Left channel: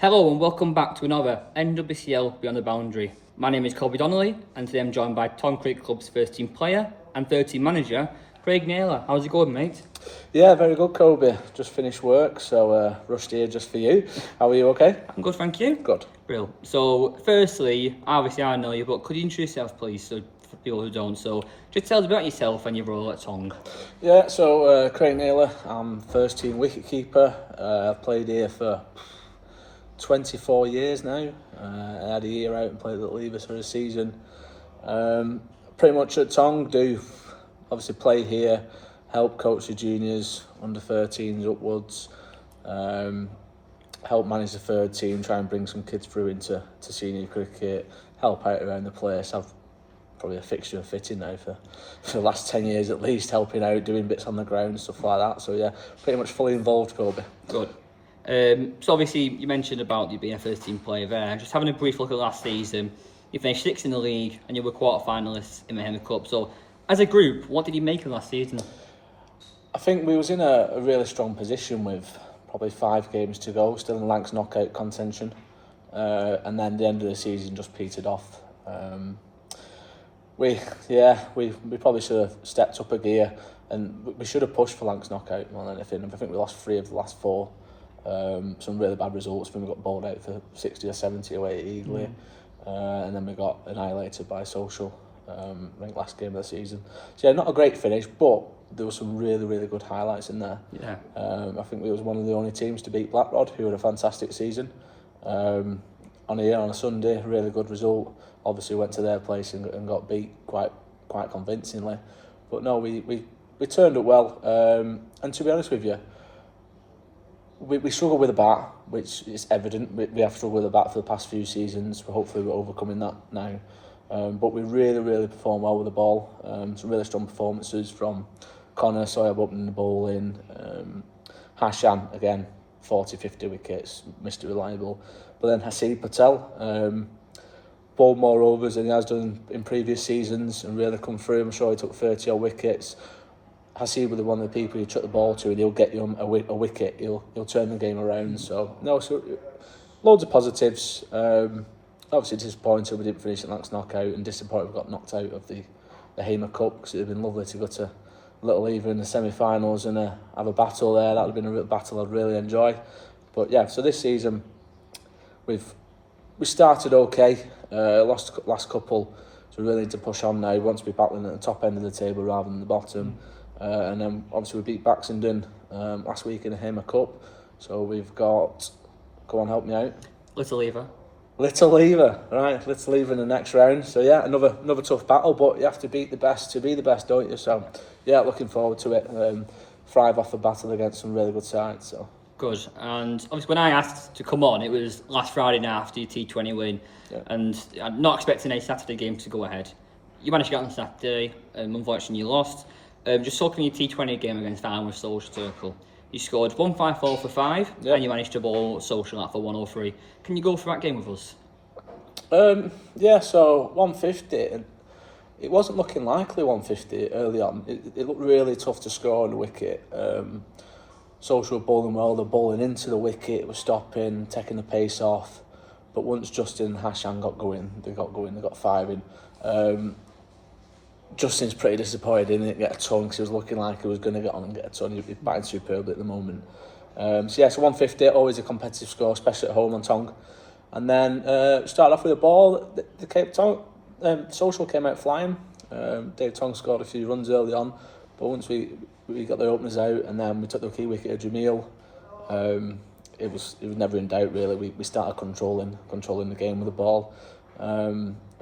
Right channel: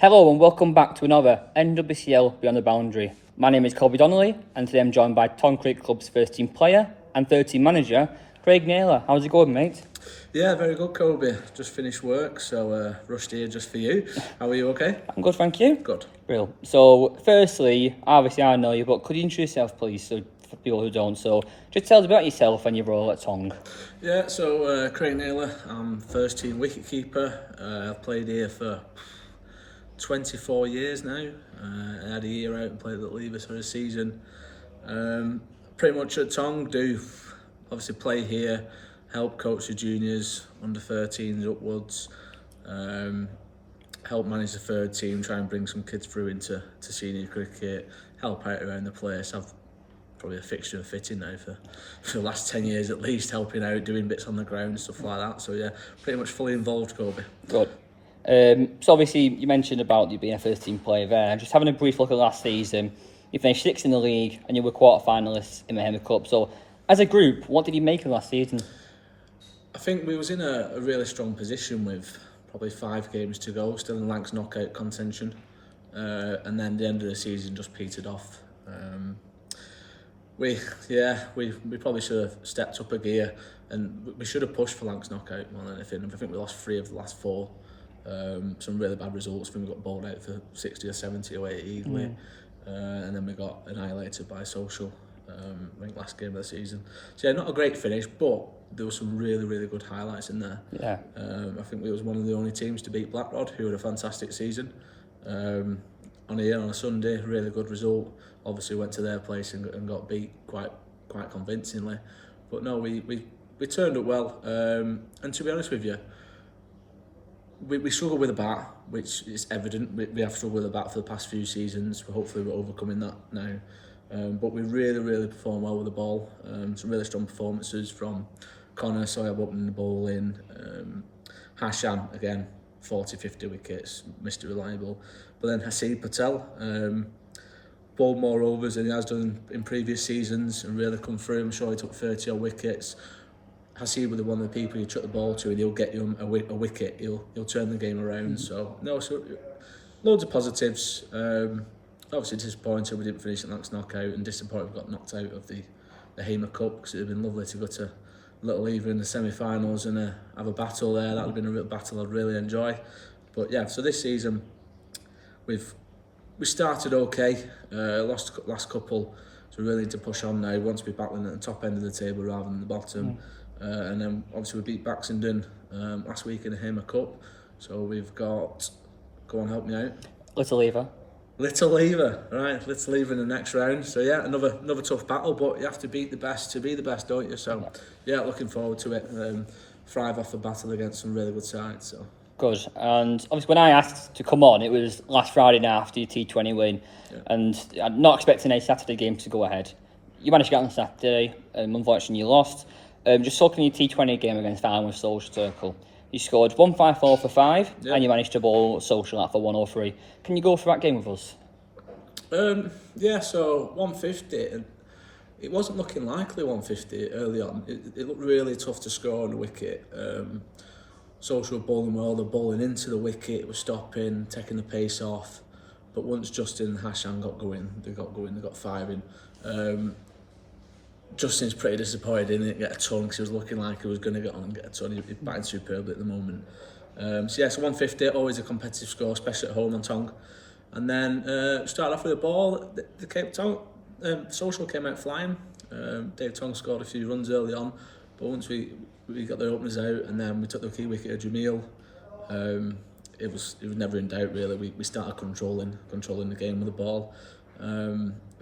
Hello and welcome back to another NWCL Beyond the Boundary. My name is Colby Donnelly and today I'm joined by Tonge Cricket Club's first team player and third team manager, Craig Naylor. How's it going, mate? Yeah, very good, Colby. Just finished work, so rushed here just for you. How are you, okay? I'm good, thank you. Good. Real. So, firstly, obviously I know you, but could you introduce yourself, please, so for people who don't? So, just tell us about yourself and your role at Tonge. Yeah, so Craig Naylor, I'm first team wicketkeeper. I've played here for 24 years now. I had a year out and played at Leavers for a season. Pretty much at Tonge, do obviously play here, help coach the juniors, under 13s upwards, help manage the third team, try and bring some kids through into senior cricket, help out around the place. I've probably a fixture and fitting now for the last 10 years at least, helping out, doing bits on the ground, stuff like that. So yeah, pretty much fully involved, Colby. Good. So obviously you mentioned about you being a first team player there. Just having a brief look at last season, you finished 6th in the league and you were quarter finalists in the Hema Cup. So as a group, what did you make of last season? I think we was in a really strong position with probably 5 games to go, still in Lancs knockout contention, and then the end of the season just petered off. We probably should have stepped up a gear, and we should have pushed for Lancs knockout more than anything. I think we lost 3 of the last 4. Some really bad results. When we got bowled out for 60 or 70 away at Eagly, and then we got annihilated by Social. I think last game of the season. So yeah, not a great finish, but there were some really good highlights in there. Yeah. I think we was one of the only teams to beat Blackrod, who had a fantastic season. On a Sunday, really good result. Obviously went to their place and got beat quite convincingly. But no, we turned up well. And to be honest with you, we struggle with the bat, which is evident. We have struggled with the bat for the past few seasons. Hopefully we're overcoming that now. But we really perform well with the ball. Some really strong performances from Connor, Sawyer opening the ball in. Hashan, again, 40-50 wickets, Mr. Reliable. But then Hasid Patel, bowled more overs than he has done in previous seasons and really come through. I'm sure he took 30 odd wickets. Hasid was one of the people you chuck the ball to and he'll get you a wicket. He'll turn the game around. So loads of positives. Obviously disappointed we didn't finish at Lancs knockout, and disappointed we got knocked out of the Hema Cup, because it would have been lovely to go to Little Lever in the semi-finals and have a battle there. That would have been a real battle I'd really enjoy. But yeah, so this season we started okay. Lost last couple, so we really need to push on now. We want to be battling at the top end of the table rather than the bottom. And then obviously we beat Baxenden last week in the Hema Cup. So we've got, go on, help me out. Little Lever, right? Little Lever in the next round. So yeah, another tough battle, but you have to beat the best to be the best, don't you? So yeah, looking forward to it. Thrive off the battle against some really good sides. So good. And obviously when I asked to come on, it was last Friday night after your T20 win, and I'm not expecting a Saturday game to go ahead. You managed to get on Saturday, unfortunately you lost. Just talking your T20 game against Farnworth Social Circle, you scored 154 for 5, and you managed to bowl Social out for 103. Can you go through that game with us? So 150, and it wasn't looking likely 150 early on. It looked really tough to score on the wicket. Social were bowling well, they're bowling into the wicket, it was stopping, taking the pace off. But once Justin and Hashan got going, they got 5 in. Justin's pretty disappointed he didn't get a ton, because he was looking like he was going to get on and get a ton. He's batting superbly at the moment. So 150, always a competitive score, especially at home on Tonge. And then started off with a ball. Social came out flying. Dave Tonge scored a few runs early on, but once we got the openers out and then we took the key wicket of Jamil, it was never in doubt really. We started controlling the game with the ball.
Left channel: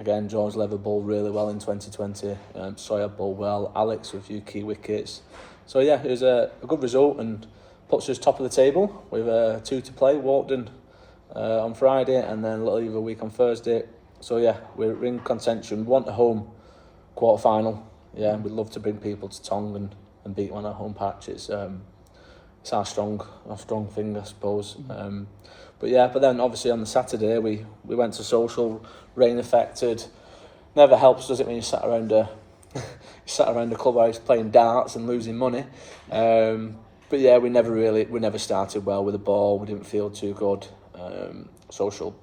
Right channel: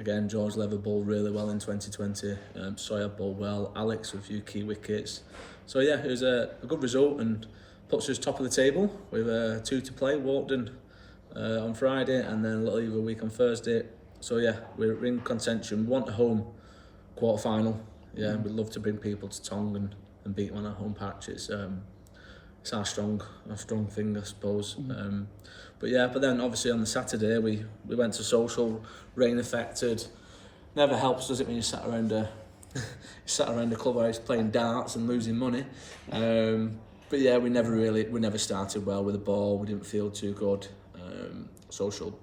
Again, George Lever bowled really well in 2020. Sawyer bowled well. Alex with a few key wickets. So yeah, it was a good result and puts us top of the table with 2 to play. Walkden on Friday and then Little Lever week on Thursday. So yeah, we're in contention. We want a home quarter final. Yeah, we'd love to bring people to Tonge and beat one at home patch. It's our strong thing, I suppose. But then obviously on the Saturday we went to Social, rain affected. Never helps, does it, when you sat around a clubhouse playing darts and losing money. But yeah, we never started well with the ball. We didn't feel too good. Social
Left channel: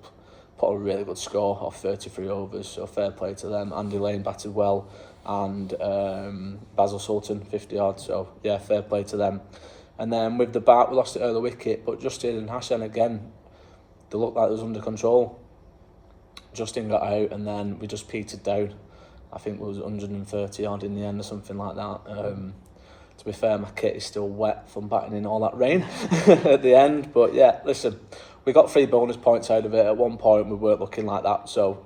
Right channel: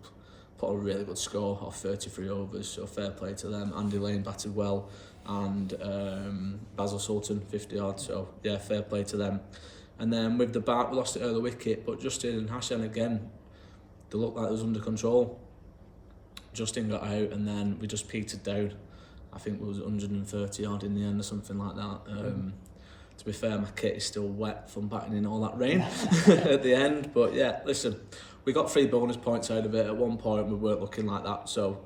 put a really good score off 33 overs, so fair play to them. Andy Lane batted well, and Basil Sultan 50 odd, so yeah, fair play to them. And then with the bat, we lost it early wicket, but Justin and Hashan again, they looked like it was under control. Justin got out, and then we just petered down. I think it was 130 odd in the end or something like that. To be fair, my kit is still wet from batting in all that rain at the end. But yeah, listen, we got 3 bonus points out of it. At one point, we weren't looking like that. So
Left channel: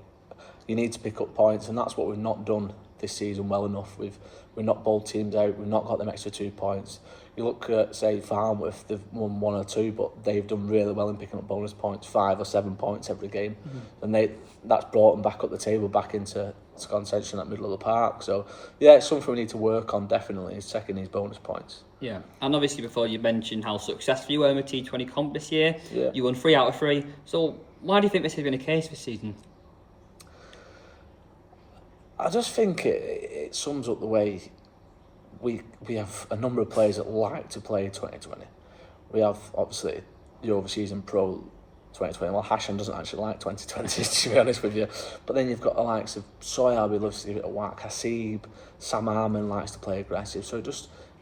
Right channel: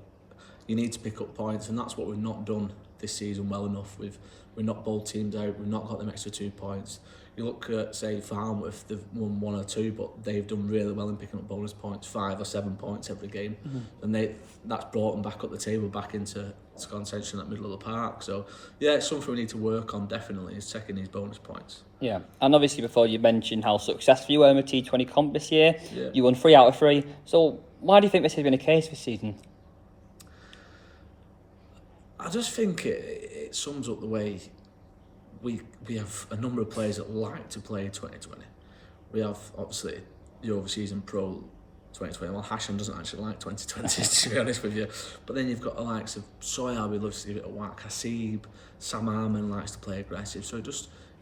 you need to pick up points, and that's what we've not done this season well enough. We've not bowled teams out. We've not got them extra 2 points. You look at, say, Farnworth, they've won 1 or 2, but they've done really well in picking up bonus points, 5 or 7 points every game. And that's brought them back up the table, back into contention at middle of the park. So yeah, it's something we need to work on, definitely, is checking these bonus points. Yeah, and obviously before you mentioned how successful you were in the T20 comp this year, Yeah. you won 3 out of 3. So why do you think this has been the case this season? I just think it sums up the way we have a number of players that like to play 2020. We have, obviously, the overseas and pro 2020. Well, Hashan doesn't actually like 2020, to be honest with you. But then you've got the likes of Soya, who loves to give it a whack. Hasib, Sam Harman likes to play aggressive. So it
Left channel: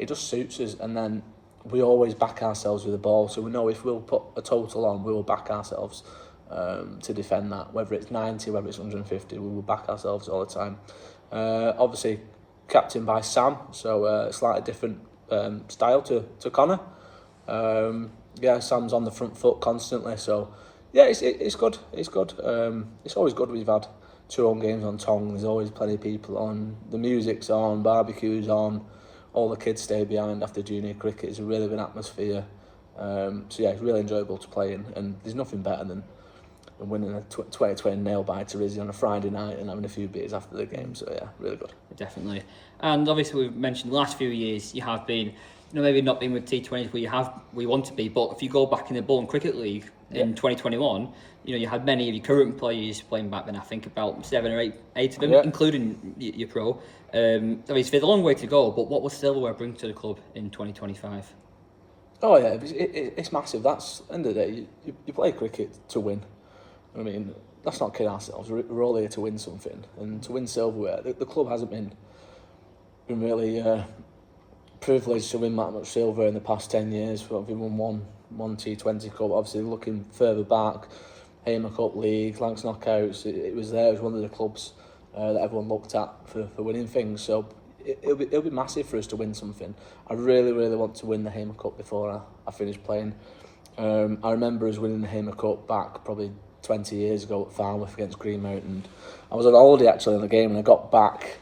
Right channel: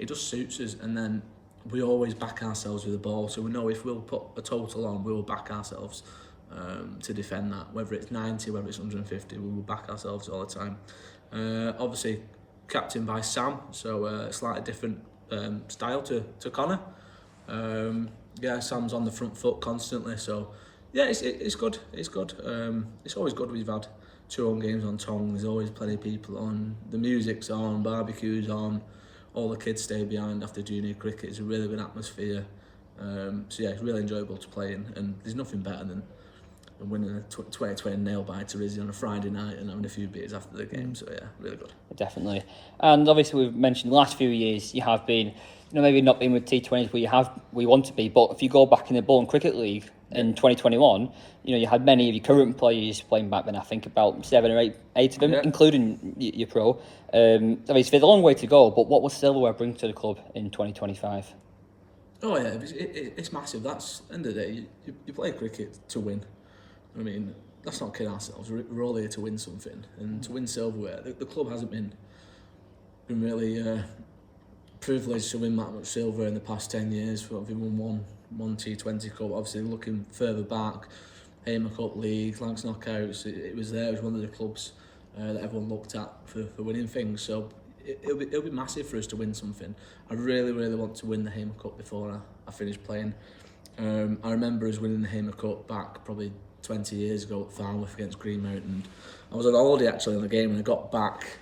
just suits us. And then we always back ourselves with the ball. So we know if we'll put a total on, we will back ourselves to defend that. Whether it's 90, whether it's 150, we will back ourselves all the time. Obviously, captained by Sam, so slightly different style to Connor. Yeah, Sam's on the front foot constantly, so yeah, it's good. It's good. It's always good. We've had 2 home games on Tonge. There's always plenty of people on. The music's on, barbecues on. All the kids stay behind after junior cricket. It's a really good atmosphere. So yeah, it's really enjoyable to play in, and there's nothing better than winning a 2020 nail biter Izzy on a Friday night and having a few beers after the game. So yeah, really good. Definitely. And obviously we've mentioned the last few years you have been, maybe not been with T20s where we want to be, but if you go back in the Bowling Cricket League in 2021, you had many of your current players playing back then. I think about 7 or 8 of them, including your pro. Obviously there's a long way to go, but what will silverware bring to the club in 2025? Oh yeah, it's massive. That's, at the end of the day, you play cricket to win. I mean, let's not kid ourselves. We're all here to win something, and to win silverware. The club hasn't been really privileged to win that much silver in the past 10 years. We've won one T20 Cup. Obviously, looking further back, Hamer Cup League, Lancs Knockouts. It was there. It was one of the clubs that everyone looked at for winning things. So it'll be massive for us to win something. I really, really want to win the Hamer Cup before I finish playing. I remember us winning the Hamer Cup back probably 20 years ago at Farnworth against Green Mountain. I was on holiday actually in the game, and I got back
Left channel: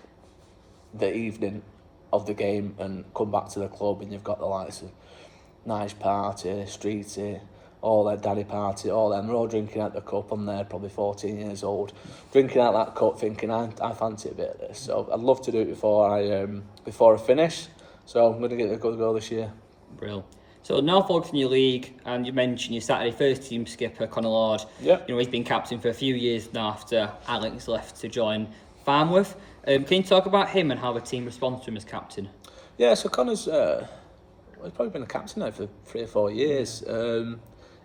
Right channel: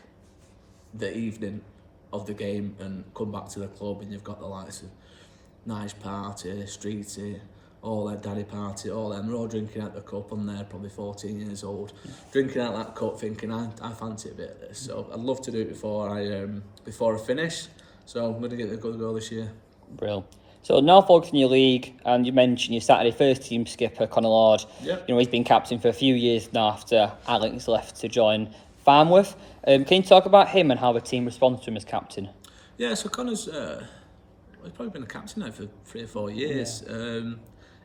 the evening of the game and come back to the club, and you've got the likes of Nice Party, Streety, all that Daddy Party, all them. They're all drinking out the cup. I'm there, probably 14 years old, drinking out that cup, thinking I fancy a bit of this. So I'd love to do it before I finish. So I'm going to get a good goal this year. Brilliant. So now focusing on your league, and you mentioned your Saturday first team skipper, Conor Lord. Yeah. He's been captain for a few years now after Alex left to join Farnworth. Can you talk about him and how the team responds to him as captain? Yeah, so Connor's he's probably been a captain now for 3 or 4 years. Yeah.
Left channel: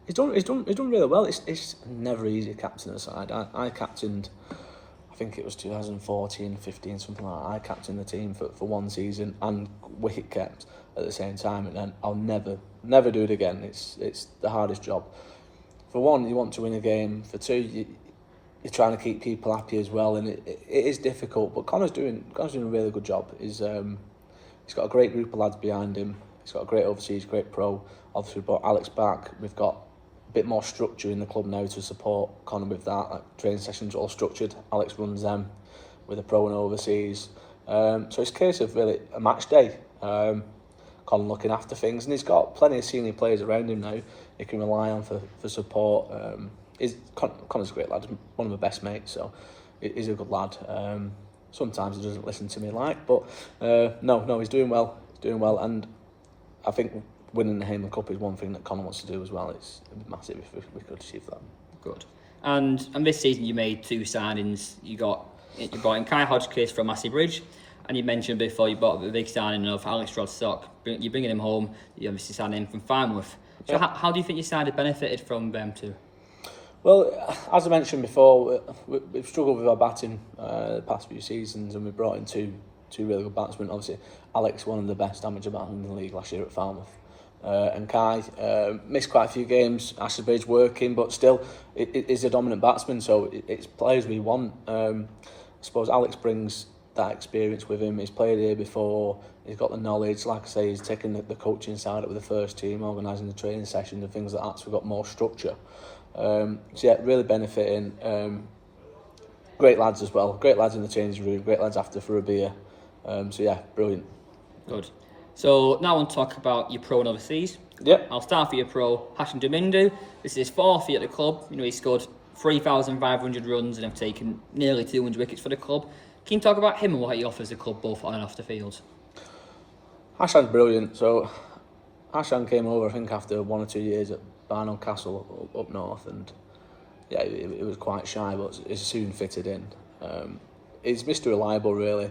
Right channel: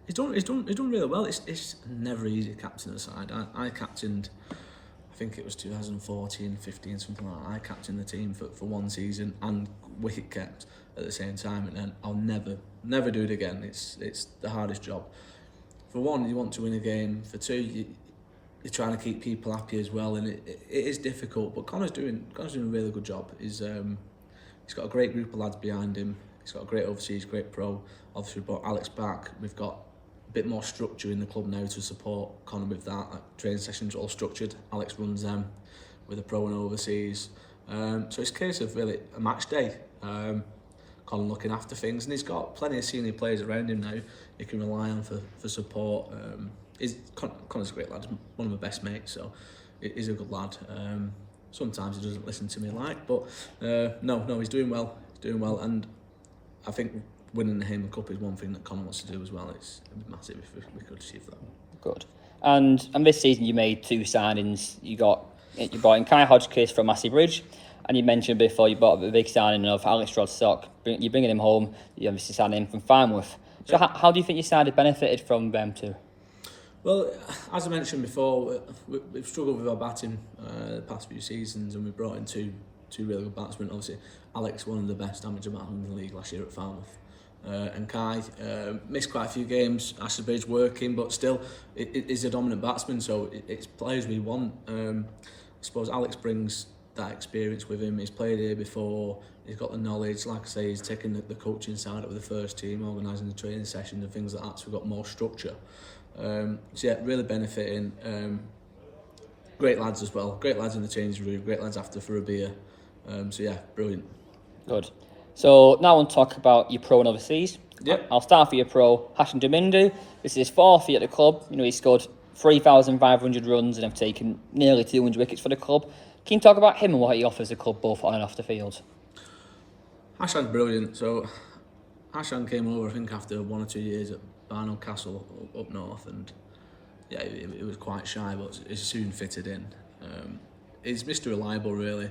He's done really well. It's never easy captaining a side. I captained, I think it was 2014, 15, something like that. I captained the team for 1 season and wicket kept at the same time, and then I'll never do it again. It's the hardest job. For 1, you want to win a game. For 2, you're trying to keep people happy as well, and it is difficult. But Connor's doing a really good job. He's got a great group of lads behind him. He's got a great overseas, great pro. Obviously, we brought Alex back. We've got a bit more structure in the club now to support Connor with that. Like, training sessions are all structured. Alex runs them with a pro and overseas. So it's a case of really a match day. Colin looking after things, and he's got plenty of senior players around him now he can rely on for support. Connor's a great lad, one of my best mates, so he's a good lad. Sometimes he doesn't listen to me but no, he's doing well. And I think winning the Hamer Cup is one thing that Connor wants to do as well. It'd be massive if we could achieve that. Good. And this season you made 2 signings. You brought in Kai Hodgkiss from Massey Bridge, and you mentioned before you bought the big signing of Alex Rodstock. You're bringing him home. You obviously signed him from Farnworth. So how do you think your side had benefited from them two? Well, as I mentioned before, we've struggled with our batting the past few seasons, and we brought in two really good batsmen. Obviously, Alex, one of the best amateur batsmen in the league last year at Falmouth. And Kai missed quite a few games. Ashford's working, but still, it is a dominant batsman, so it's players we want. I suppose Alex brings that experience with him. He's played here before. He's got the knowledge. Like I say, he's taken the coaching side up with the first team, organising the training sessions and things like that. So we've got more structure. So yeah, really benefiting. Great lads as well. Great lads in the changing room. Great lads after for a beer. So yeah, brilliant. Good. So now I want to talk about your pro and overseas. Yep. I'll start for your pro, Hashan Justin. This is his fourth year at the club. You know, he scored 3,500 runs and have taken nearly 200 wickets for the club. Can you talk about him and what he offers the club both on and off the field? Hashan's brilliant. So Hashan came over, I think, after 1 or 2 years at Barnell Castle up north, and yeah, it was quite shy, but he soon fitted in. He's Mr. Reliable, really.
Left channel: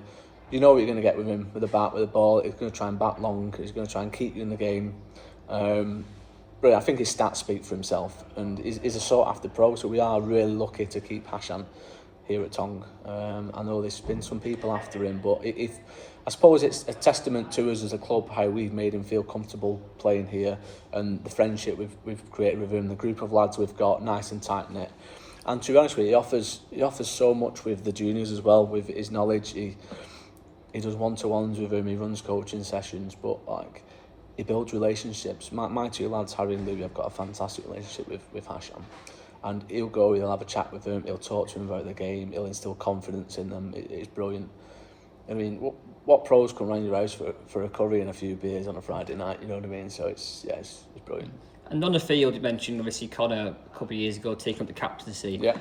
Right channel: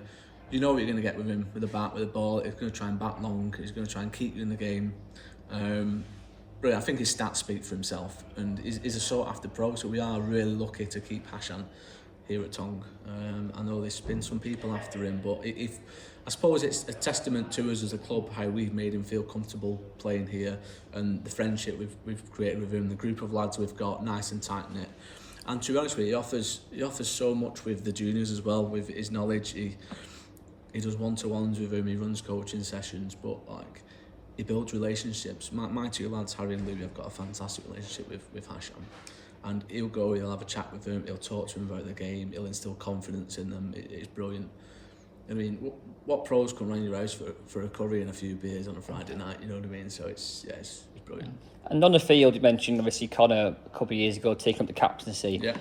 You know what you're going to get with him, with a bat, with a ball. He's going to try and bat long. He's going to try and keep you in the game. But I think his stats speak for himself, and he's a sought-after pro, so we are really lucky to keep Hashan here at Tonge. I know there's been some people after him, but I suppose it's a testament to us as a club how we've made him feel comfortable playing here, and the friendship we've created with him, the group of lads we've got, nice and tight-knit. And to be honest with you, he offers so much with the juniors as well, with his knowledge. He does one-to-ones with him, he runs coaching sessions, but like he builds relationships. My two lads, Harry and Louis, have got a fantastic relationship with Hashan. And he'll have a chat with them, he'll talk to them about the game, he'll instill confidence in them. It's brilliant. I mean, what pros come round your house for a curry and a few beers on a Friday night, you know what I mean? So it's brilliant. And on the field, you mentioned obviously Connor a couple of years ago taking up the captaincy. Yeah.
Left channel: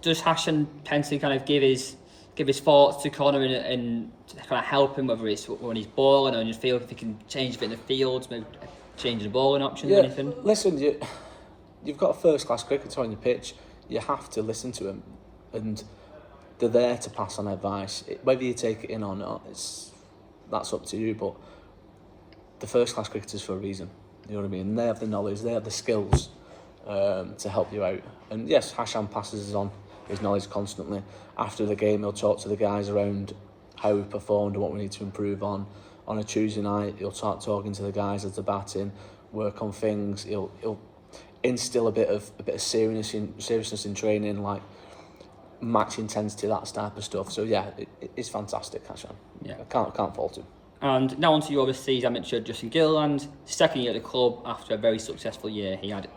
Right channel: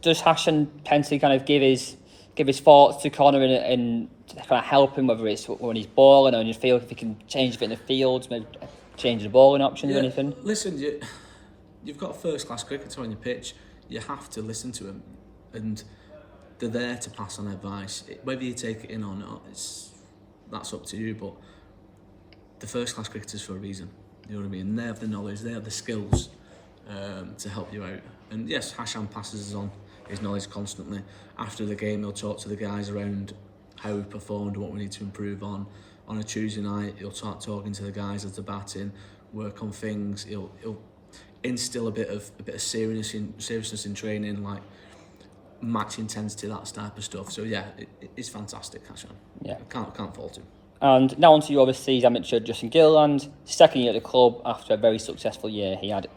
Does Hashan tend to kind of give his thoughts to Connor and kind of help him, whether it's when he's balling or in the field, if he can change a bit in the field, maybe change the balling options or anything? Listen, you've got a first-class cricketer on your pitch. You have to listen to him, and they're there to pass on advice. Whether you take it in or not, that's up to you. But the first-class cricketers for a reason. You know what I mean? And they have the knowledge, they have the skills to help you out. And yes, Hashan passes us on his knowledge constantly. After the game, he'll talk to the guys around how we've performed and what we need to improve on. On a Tuesday night, he'll start talking to the guys as they're batting, work on things. He'll instill a bit of seriousness in training, like match intensity, that type of stuff. So yeah, it's fantastic, Hashan. Yeah, I can't fault him. And now on to your overseas amateur, Justin Gilland, second year at the club after a very successful year he had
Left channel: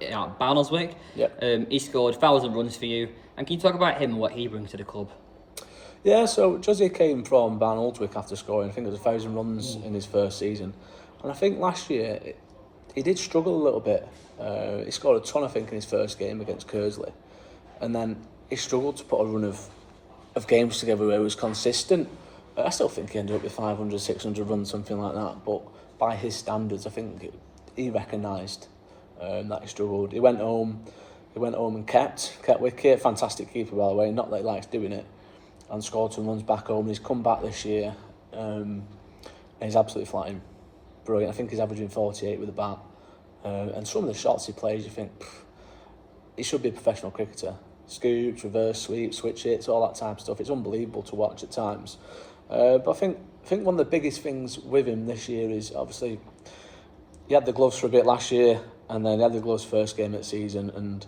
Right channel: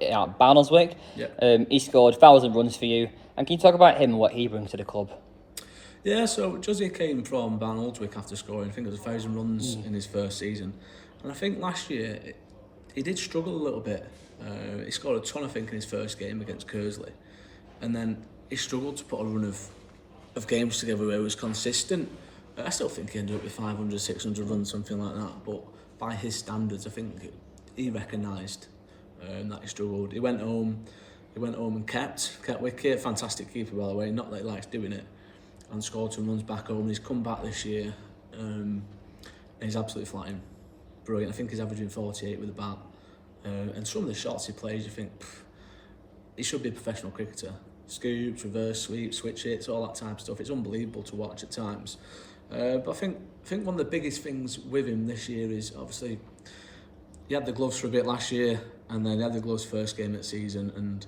at Barnsley. Yep. He scored 1,000 runs for you. And can you talk about him and what he brings to the club? Yeah, so Josie came from Barnoldswick after scoring, I think it was 1,000 runs in his first season. And I think last year he did struggle a little bit. He scored a ton, I think, in his first game against Kersley. And then he struggled to put a run of games together where he was consistent. I still think he ended up with 500, 600 runs, something like that. But by his standards, I think he recognised that he struggled. He went home and kept wicket. Fantastic keeper, by the way. Not that he likes doing it. And scored some runs back home. And he's come back this year, and he's absolutely flying. Brilliant. I think he's averaging 48 with the bat. And some of the shots he plays, you think, he should be a professional cricketer. Scoops, reverse sweeps, switch hits, all that type of stuff. It's unbelievable to watch at times. But I think one of the biggest things with him this year is obviously he had the gloves for a bit last year, and then he had the gloves first game of the season, and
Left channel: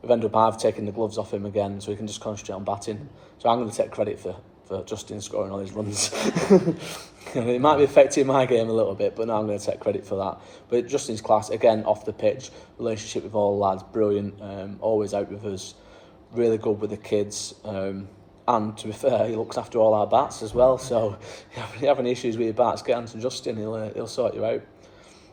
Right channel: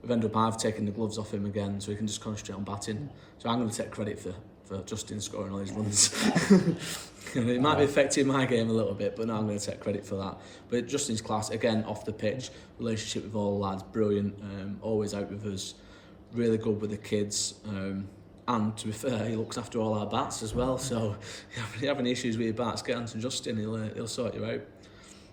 we've ended up I've taken the gloves off him again, so he can just concentrate on batting. So I'm going to take credit for Justin scoring all his runs. It might be affecting my game a little bit, but no, I'm going to take credit for that. But Justin's class, again, off the pitch, relationship with all the lads, brilliant, always out with us, really good with the kids. And to be fair, he looks after all our bats as well. So if you have any issues with your bats, get on to Justin, he'll sort you out.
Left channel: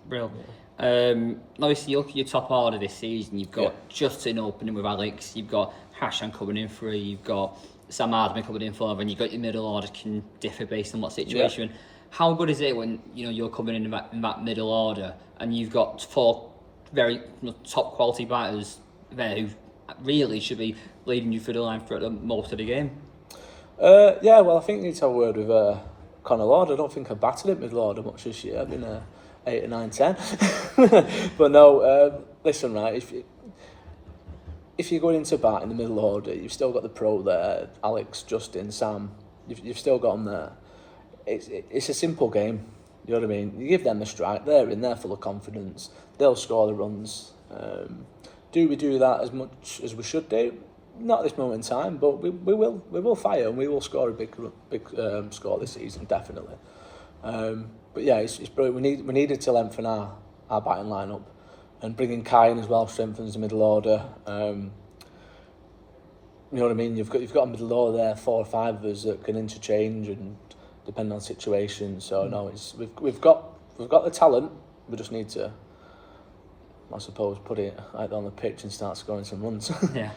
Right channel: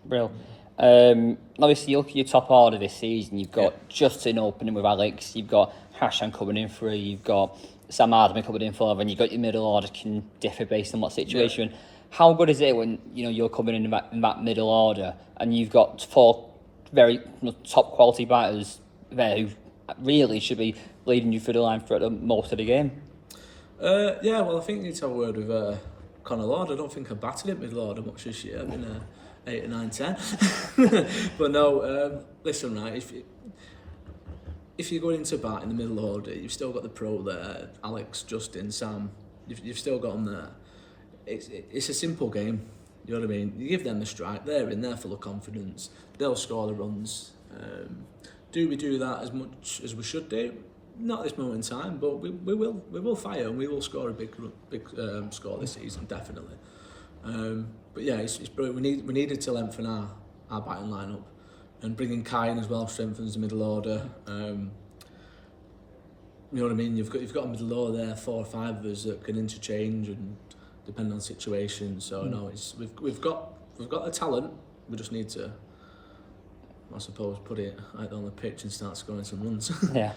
Brilliant. Obviously, you look at your top order this season. You've got Justin opening with Alex. You've got Hashan coming in for 3. You've got Sam Hardman coming in for 11. You've got your middle order can differ based on what situation. Yeah. How good is it when you're coming in that middle order and you've got 4 very top quality batters there who really should be leading you through the line for most of the game? Yeah, well, I think you need to have a word with Connor Lord. I don't think I've batted it middle order much this year. I've been 8 or 9, 10. But no, listen, right, if you're going into bat in the middle order, you've still got the pro there, Alex, Justin, Sam. You've still got them there. It's a simple game. You know what I mean? You give them the strike, they're in, they're full of confidence. They'll score the runs. Do we do that as much as we should do? Not at this moment in time, but we will fire and we will score a big score this season, definitely. But yeah, it's brilliant. We needed to lengthen our batting lineup, and bringing Kai in as well strengthens the middle order. You know what I mean? You've got a middle order there, 4 or 5 of us that can interchange and depend on situation. So no, we've got the talent. We just need to, I suppose, put it out on the pitch and start scoring some runs. Yeah.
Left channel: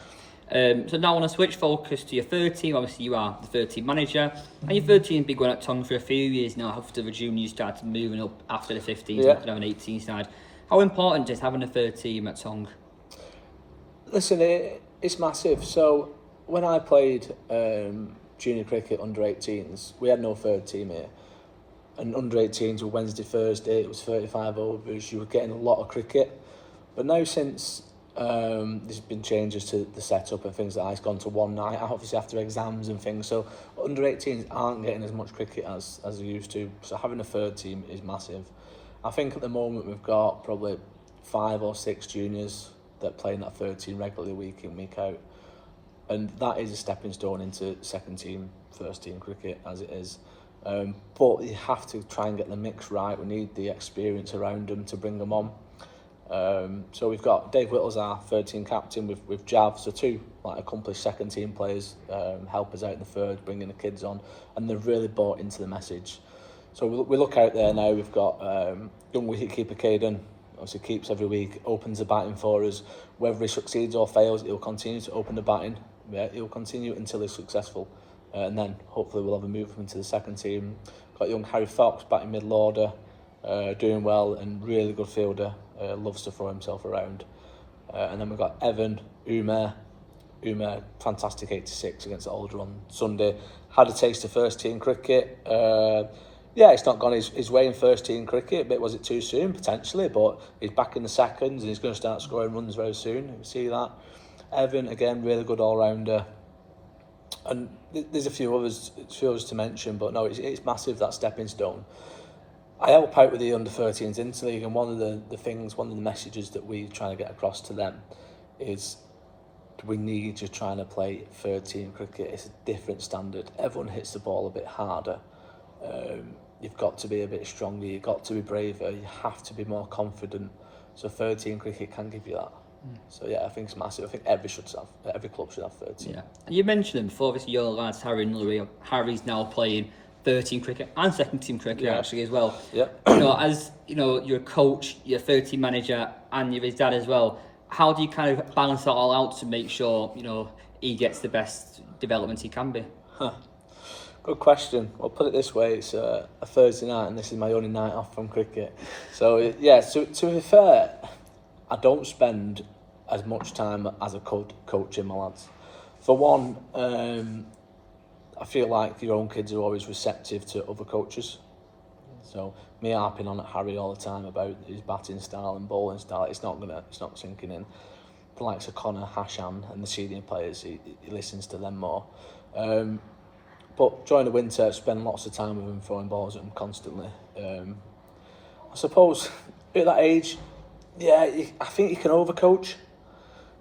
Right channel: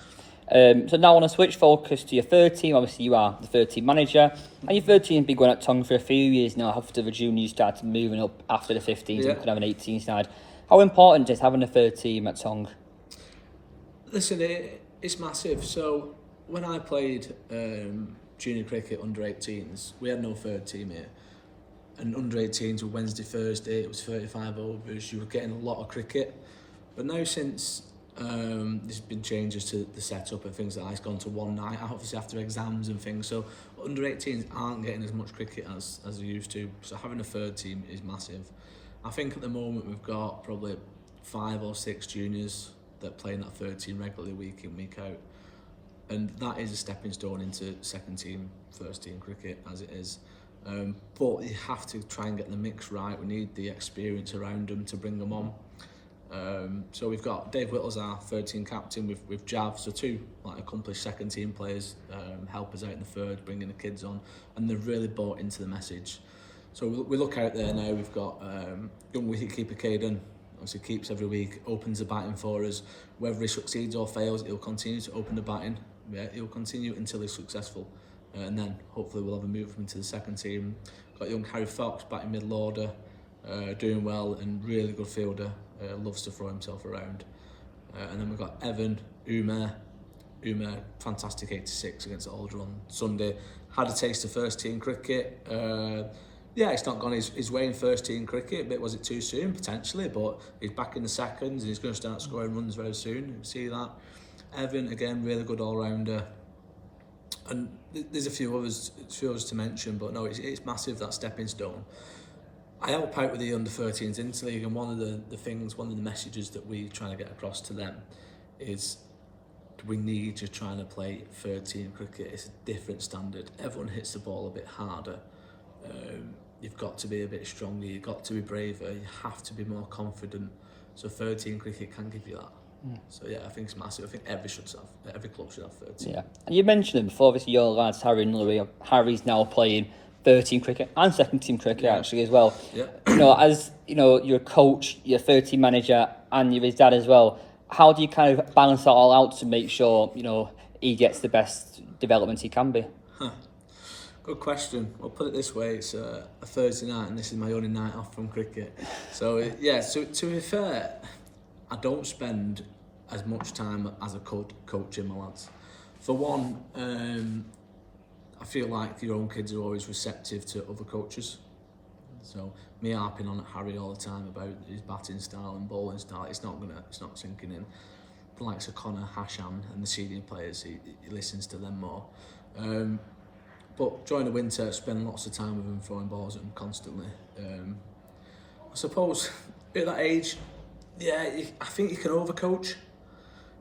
So now I want to switch focus to your third team. Obviously, you are the third team manager, and your third team has been going at Tonge for a few years now. After the juniors started moving up after the 15s, yeah, and have an 18 side. How important is having a third team at Tonge? Listen, it's massive. So when I played junior cricket under 18s, we had no third team here. And under 18s were Wednesday, Thursday, it was 35 overs, you were getting a lot of cricket. But now since there's been changes to the setup and things like that, it's gone to one night, obviously after exams and things, so under 18s aren't getting as much cricket as they used to, so having a third team is massive. I think at the moment we've got probably 5 or 6 juniors that play in that third team regularly week in, week out. And that is a stepping stone into second team, first team cricket as it is. But you have to try and get the mix right. We need the experience around them to bring them on. So we've got Dave Whittle's our third team captain with Jav, so 2 accomplished second team players help us out in the third, bringing the kids on, and they've really bought into the message. So we look out there now, we've got young wicketkeeper Caden, obviously keeps every week, opens the batting for us. Whether he succeeds or fails, he'll continue to open the batting. Yeah, he'll continue until he's successful, and then hopefully we'll have a move into the second team. Got young Harry Fox batting middle order, doing well and really good fielder, loves to throw himself around. And then we've got Evan, Umer, fantastic 86 against Alder on Sunday. Had a taste of first team cricket. Yeah, it's not gone his way in first team cricket, but was it too soon? Potentially, but he's back in the seconds and he's going to start scoring runs very soon. You see that. Evan, again, really good all-rounder. And there's a few others to mention, but no, it's massive, that stepping stone. I help out with the under-13s interleague, and one of the messages that we try to get across to them is we need you trying to play third team cricket. It's a different standard. Everyone hits the ball a bit harder. You've got to be a bit stronger, you've got to be braver, you have to be more confident. So third team cricket can give you that. So yeah, I think it's massive. I think every club should have third team. Yeah, and you mentioned them before. Obviously, your lads Harry and Naylor. Harry's now playing third team cricket and second team cricket actually as well. Yeah. As you're a coach, you're a third team manager, and you're his dad as well. How do you kind of balance that all out to make sure he gets the best development he can be? Good question. I'll put it this way: it's a Thursday night, and this is my only night off from cricket. So yeah, to be fair, I don't spend as much time as a coaching my lads. For one, I feel like your own kids are always receptive to other coaches. So me harping on at Harry all the time about his batting style and bowling style, it's not sinking in. The likes of Connor, Hashan and the senior players, he listens to them more. But during the winter, I spend lots of time with them, throwing balls at them constantly. I suppose at that age, yeah, I think you can overcoach.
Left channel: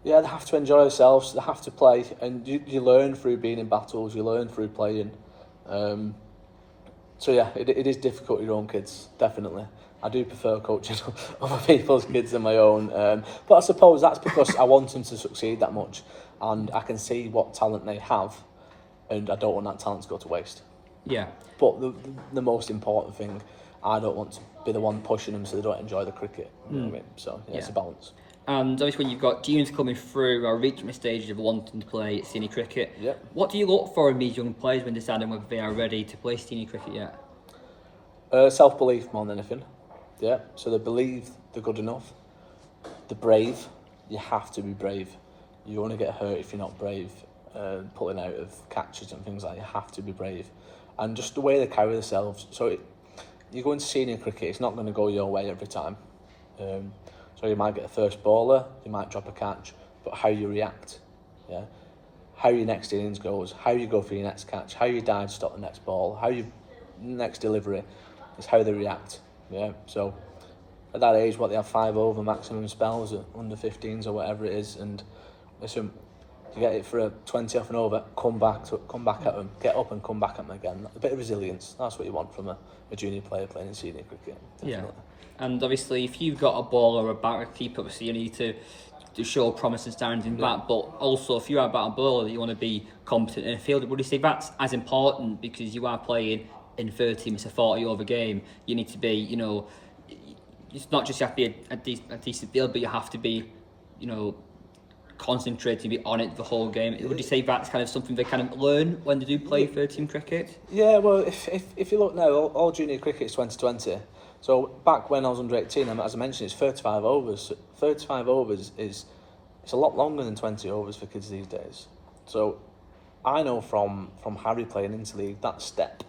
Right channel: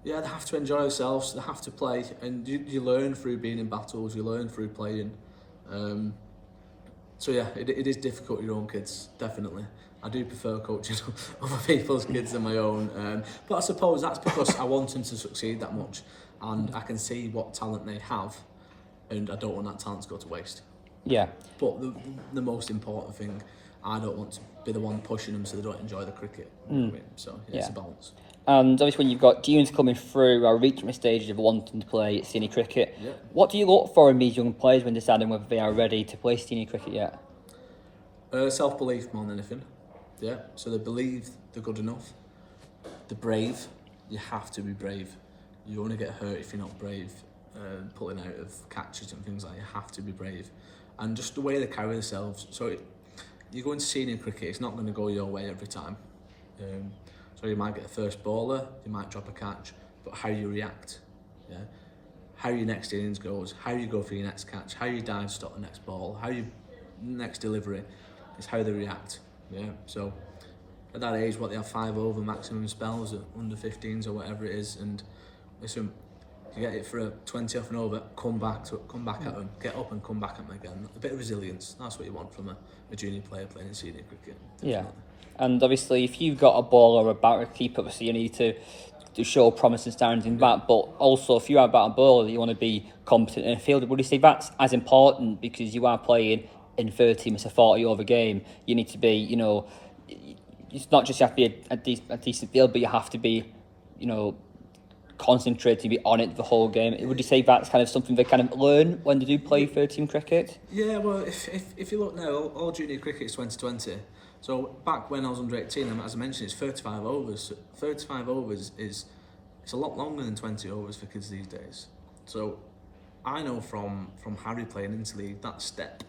Yeah, they have to enjoy themselves, they have to play, and you learn through being in battles, you learn through playing. So yeah, it is difficult with your own kids, definitely. I do prefer coaching other people's kids than my own. But I suppose that's because I want them to succeed that much, and I can see what talent they have, and I don't want that talent to go to waste. Yeah. But the most important thing, I don't want to be the one pushing them so they don't enjoy the cricket. You know what I mean? So yeah, it's a balance. And obviously when you've got juniors coming through or reaching the stage of wanting to play senior cricket, what do you look for in these young players when deciding whether they are ready to play senior cricket yet? Self-belief more than anything. Yeah, so they believe they're good enough. They're brave. You have to be brave. You only get hurt if you're not brave. Pulling out of catches and things like that, you have to be brave. And just the way they carry themselves. So you go into senior cricket, it's not going to go your way every time. So you might get a first bowler, you might drop a catch, but how you react. Yeah, how your next innings goes, how you go for your next catch, how you dive stop the next ball, how you next delivery is how they react. Yeah, so at that age, what they have 5 over maximum spells at under 15s or whatever it is, and listen, to get it for a 20 off and over, come back at them, get up and come back at them again. A bit of resilience. That's what you want from a junior player playing in senior cricket. Definitely. Yeah, and obviously if you've got a ball or a batter to keep up, so you need to show promise and standards in bat, but also if you are a batter bowler, you want to be competent in a field. Would you say that's as important because you are playing in 30, it's a 40 over game? You need to be, it's not just you have to be a decent field, but you have to be, concentrating, be on it the whole game. Would you say that's kind of something they kind of learn when they do play 13 cricket? Yeah, well, if you look now, all junior cricket is 2020. So back when I was under 18, as I mentioned, it's 35 overs. 35 overs it's a lot longer than 20 overs for kids these days. So I know from Harry playing interleague, that step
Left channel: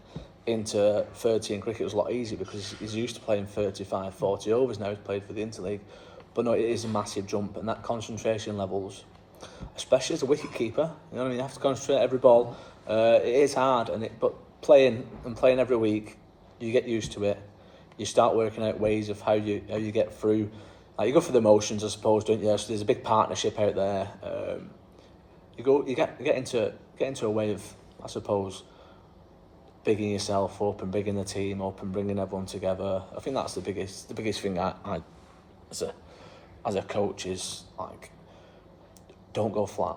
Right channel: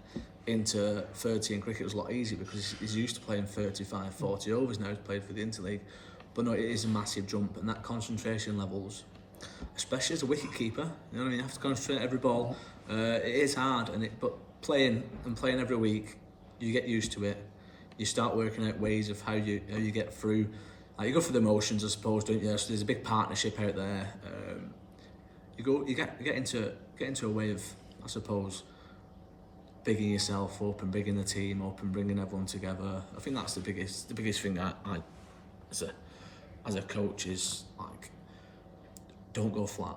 into 13 cricket was a lot easier because he's used to playing 35, 40 overs now. He's played for the interleague. But no, it is a massive jump, and that concentration levels, especially as a wicket keeper, you know what I mean. You have to concentrate every ball. It is hard, but playing every week, you get used to it. You start working out ways of how you get through. Like you go for the motions, I suppose, don't you? So there's a big partnership out there. You get into a way of, I suppose, bigging yourself up and bigging the team up and bringing everyone together. I think that's the biggest thing I as a coach is like, don't go flat.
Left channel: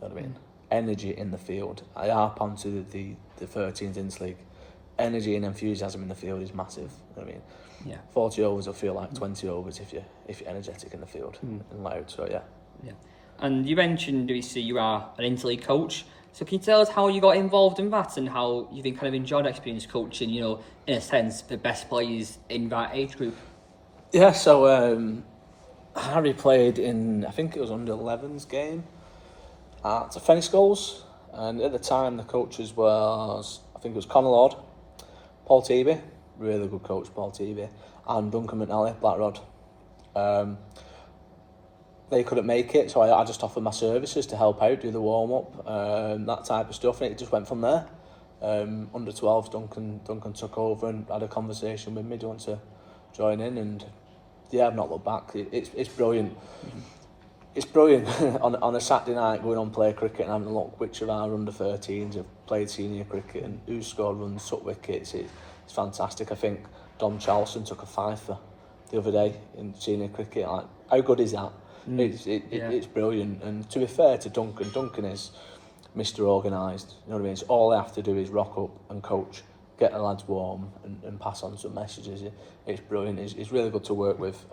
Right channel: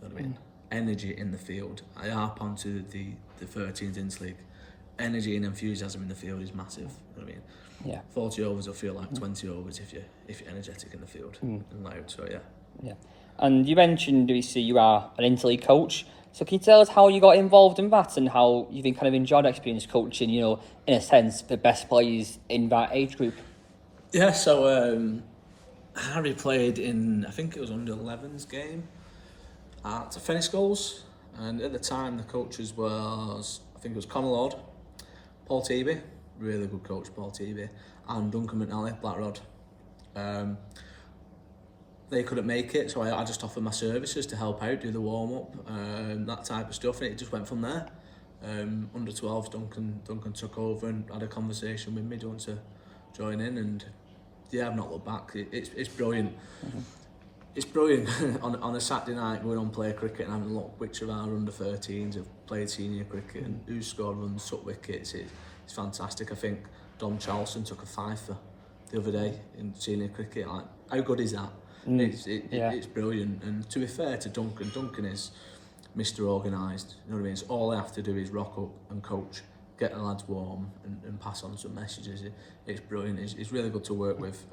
You know what I mean? Energy in the field. I harp onto the 13s interleague. Energy and enthusiasm in the field is massive. You know what I mean? Yeah. 40 overs will feel like 20 overs if you're energetic in the field and loud. So yeah. Yeah. And you mentioned, you are an interleague coach. So can you tell us how you got involved in that and how you've been kind of enjoyed experience coaching, in a sense, the best players in that age group? Yeah, so Harry played in, I think it was under 11s game at Fenny Schools, and at the time the coaches was, I think it was Conor Lord, Paul Teeby, really good coach, Paul Teeby, and Duncan McNally, Black Rod. They couldn't make it, so I just offered my services to help out, do the warm-up, that type of stuff, and it just went from there. Under 12s, Duncan took over and had a conversation with me, do you want to join in? And yeah, I've not looked back. It's brilliant. Mm-hmm. It's brilliant on a Saturday night going on play cricket and having a look which of our under 13s have played senior cricket and who scored runs, took wickets. It's fantastic. I think Dom Charleston took a fifer the other day in senior cricket. Like, how good is that? It's brilliant. And to be fair to Duncan is Mr. Organised. You know what I mean? It's all I have to do is rock up and coach, get the lads warm and pass on some messages. It's brilliant. It's really good to work with.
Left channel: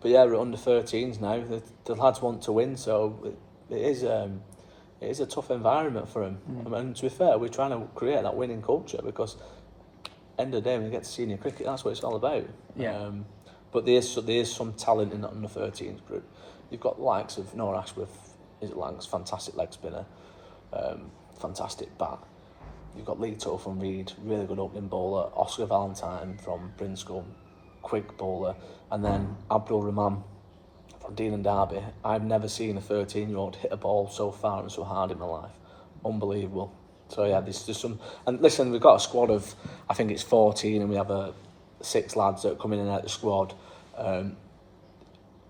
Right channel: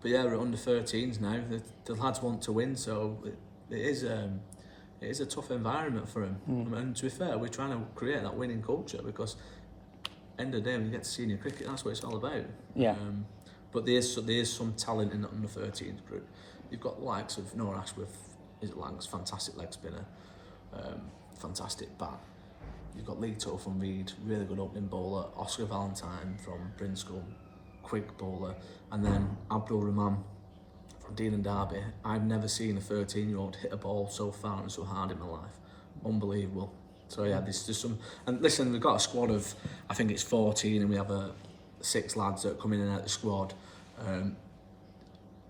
But yeah, we're under 13s now. The lads want to win, so it is a tough environment for them. And to be fair, we're trying to create that winning culture because end of the day, when you get to senior cricket, that's what it's all about. Yeah. But there is some talent in that under 13s group. You've got the likes of Noah Ashworth, fantastic leg spinner, fantastic bat. You've got Lee Toll from Reed, really good opening bowler. Oscar Valentine from Brinscombe, quick bowler. And then Abdul Rahman from Dean and Derby. I've never seen a 13-year-old hit a ball so far and so hard in my life. Unbelievable. So yeah, there's some... And listen, we've got a squad of, I think it's 14, and we have 6 lads that come in and out of the squad.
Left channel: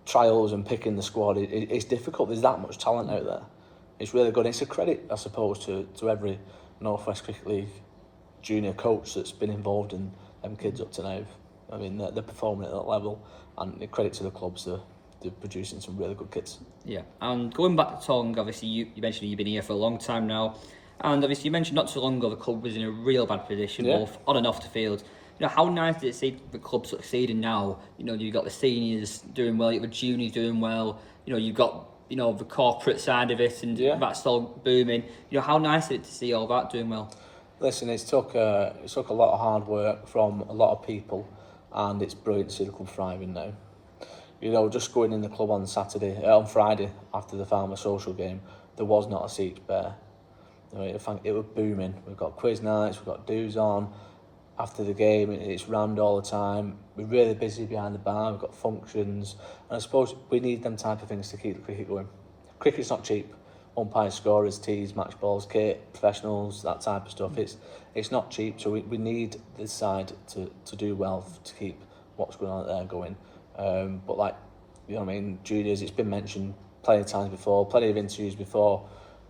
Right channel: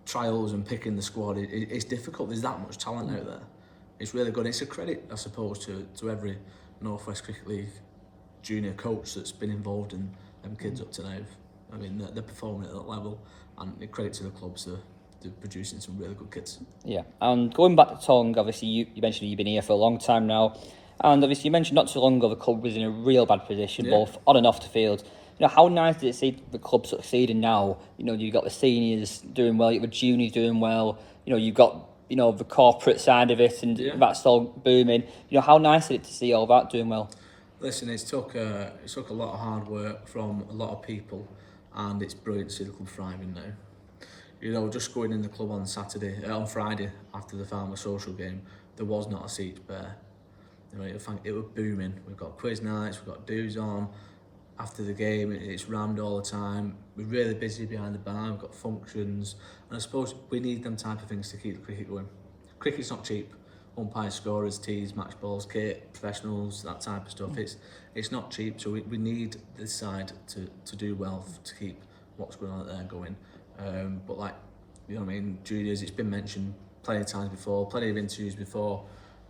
Trials and picking the squad, it's difficult. There's that much talent out there. It's really good. It's a credit, I suppose, to every North West Cricket League junior coach that's been involved in them kids up to now. I mean, they're performing at that level, and the credit to the clubs, they're producing some really good kids. Yeah. And going back to Tonge, obviously you mentioned you've been here for a long time now, and obviously you mentioned not too long ago the club was in a real bad position, both on and off the field. How nice did it see the club succeeding now? You've got the seniors doing well, you've got the juniors doing well, you've got the corporate side of it, and that's all booming. How nice is it to see all that doing well? Listen, it took a lot of hard work from a lot of people, and it's brilliant to see the club thriving now. Just going in the club on Friday after the Farmer Social game, there was not a seat bare. It was booming. We've got quiz nights, we've got do's on, after the game, it's rammed all the time. We're really busy behind the bar, we've got functions, and I suppose we need them type of things to keep the cricket going. Cricket's not cheap. Umpires, scorers, tees, match balls, kit, professionals, that type of stuff. It's not cheap, so we need this side to do well to keep what's going on there going. But like, you know what I mean, juniors, it's been mentioned plenty of times before, plenty of interviews before.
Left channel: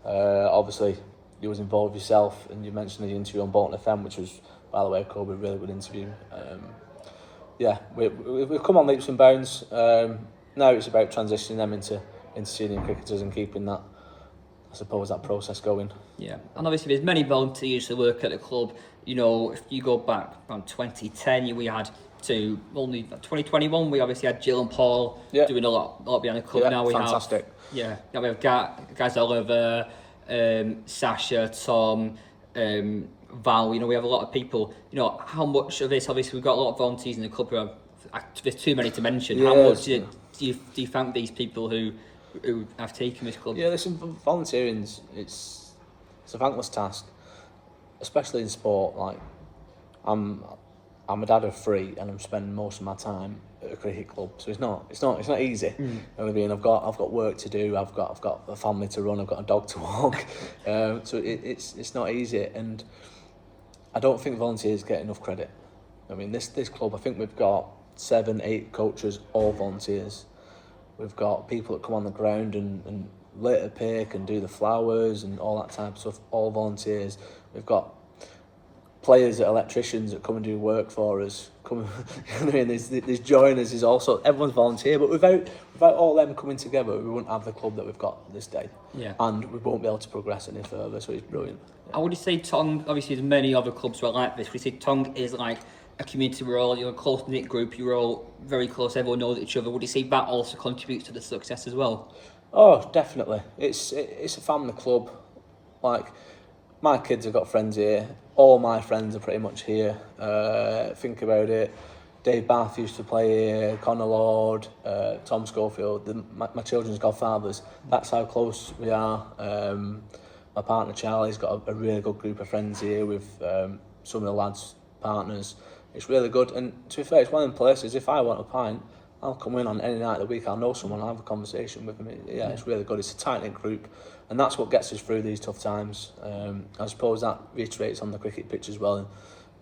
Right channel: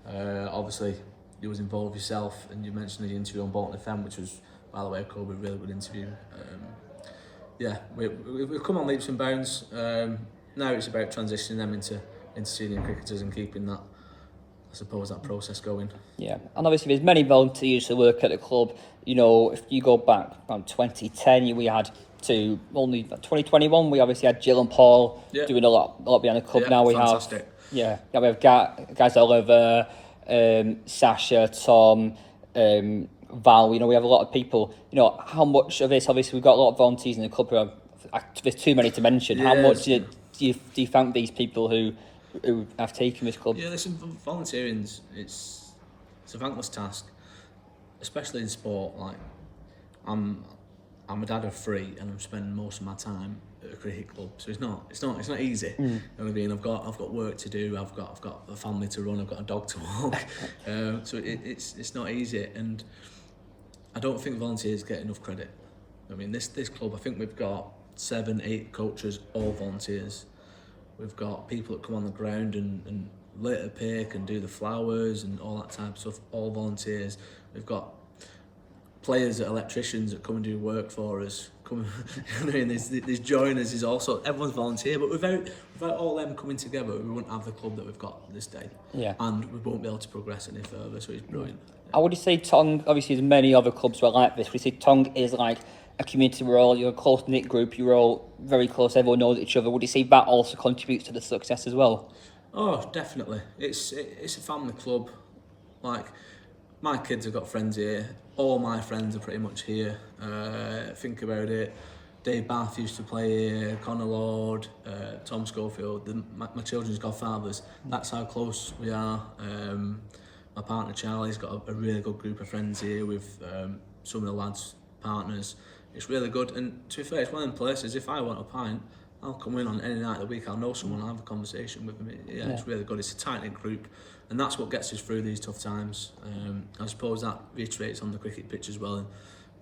Obviously, you was involved yourself, and you mentioned the interview on Bolton FM, which was, by the way, Kobe, a really good interview. We've come on leaps and bounds. Now it's about transitioning them into senior cricketers and keeping that, I suppose, that process going. Yeah, and obviously there's many volunteers who work at the club. You know, if you go back around 2010, we had to only 2021. We obviously had Jill and Paul doing a lot behind the club. Yeah, now we fantastic. we have guys Oliver, Sasha, Tom, Val. You know, we have a lot of people. You know, how much of this? Obviously, we've got a lot of volunteers in the club. There's too many to mention. How much do you thank these people who have taken this club? Yeah, listen, volunteering, it's a thankless task, especially in sport. Like, I'm a dad of 3, and I'm spending most of my time at a cricket club, so it's not easy. You know what I mean? I've got work to do. I've got a family to run. I've got a dog to walk. So it's not easy, and I don't think volunteers get enough credit. I mean, this club, I think we've got 7, 8 coaches, all volunteers. We've got people that come on the ground and litter pick and do the flowers and all that type of stuff, all volunteers. We've got players, electricians that come and do work for us. You know what I mean? There's joiners, there's also, everyone's volunteer, but without all them coming together, we wouldn't have the club that we've got this day. Yeah. And we won't be able to progress any further, so it's brilliant. Yeah. I would say Tonge, obviously there's many other clubs who are like this. We say Tonge is like a community where you're a close-knit group, you're all very close, everyone knows each other. Would you say that also contributes to the success as well? Oh, definitely. It's a family club. Like, my kids have got friends here. All my friends are pretty much here. Think about it. Dave Bath used to play here, Connor Lord, Tom Schofield, my children's godfathers. That's how close we are. My partner Charlie's got a really good group of friends here with some of the lads' partners. It's really good, and to be fair, it's one of them places, if I want a pint, I'll come in on any night of the week, I'll know someone, I'll have a conversation with them. Yeah, it's really good. It's a tight-knit group, and that's what gets us through these tough times. I suppose that reiterates on the cricket pitch as well.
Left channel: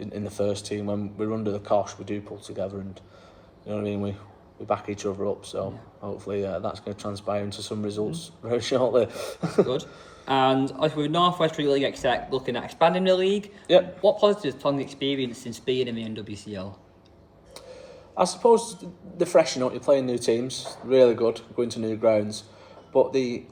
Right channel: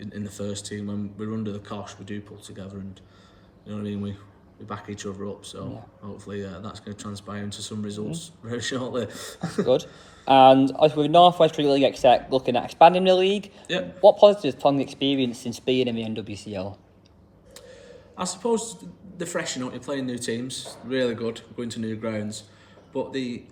In the first team, when we're under the cosh, we do pull together, and you know what I mean, we back each other up, so hopefully that's going to transpire into some results very shortly. Good. And with North West League exec looking at expanding the league, what positives Tonge experienced since being in the NWCL? I suppose the freshen up, you're playing new teams, really good, going to new grounds, but the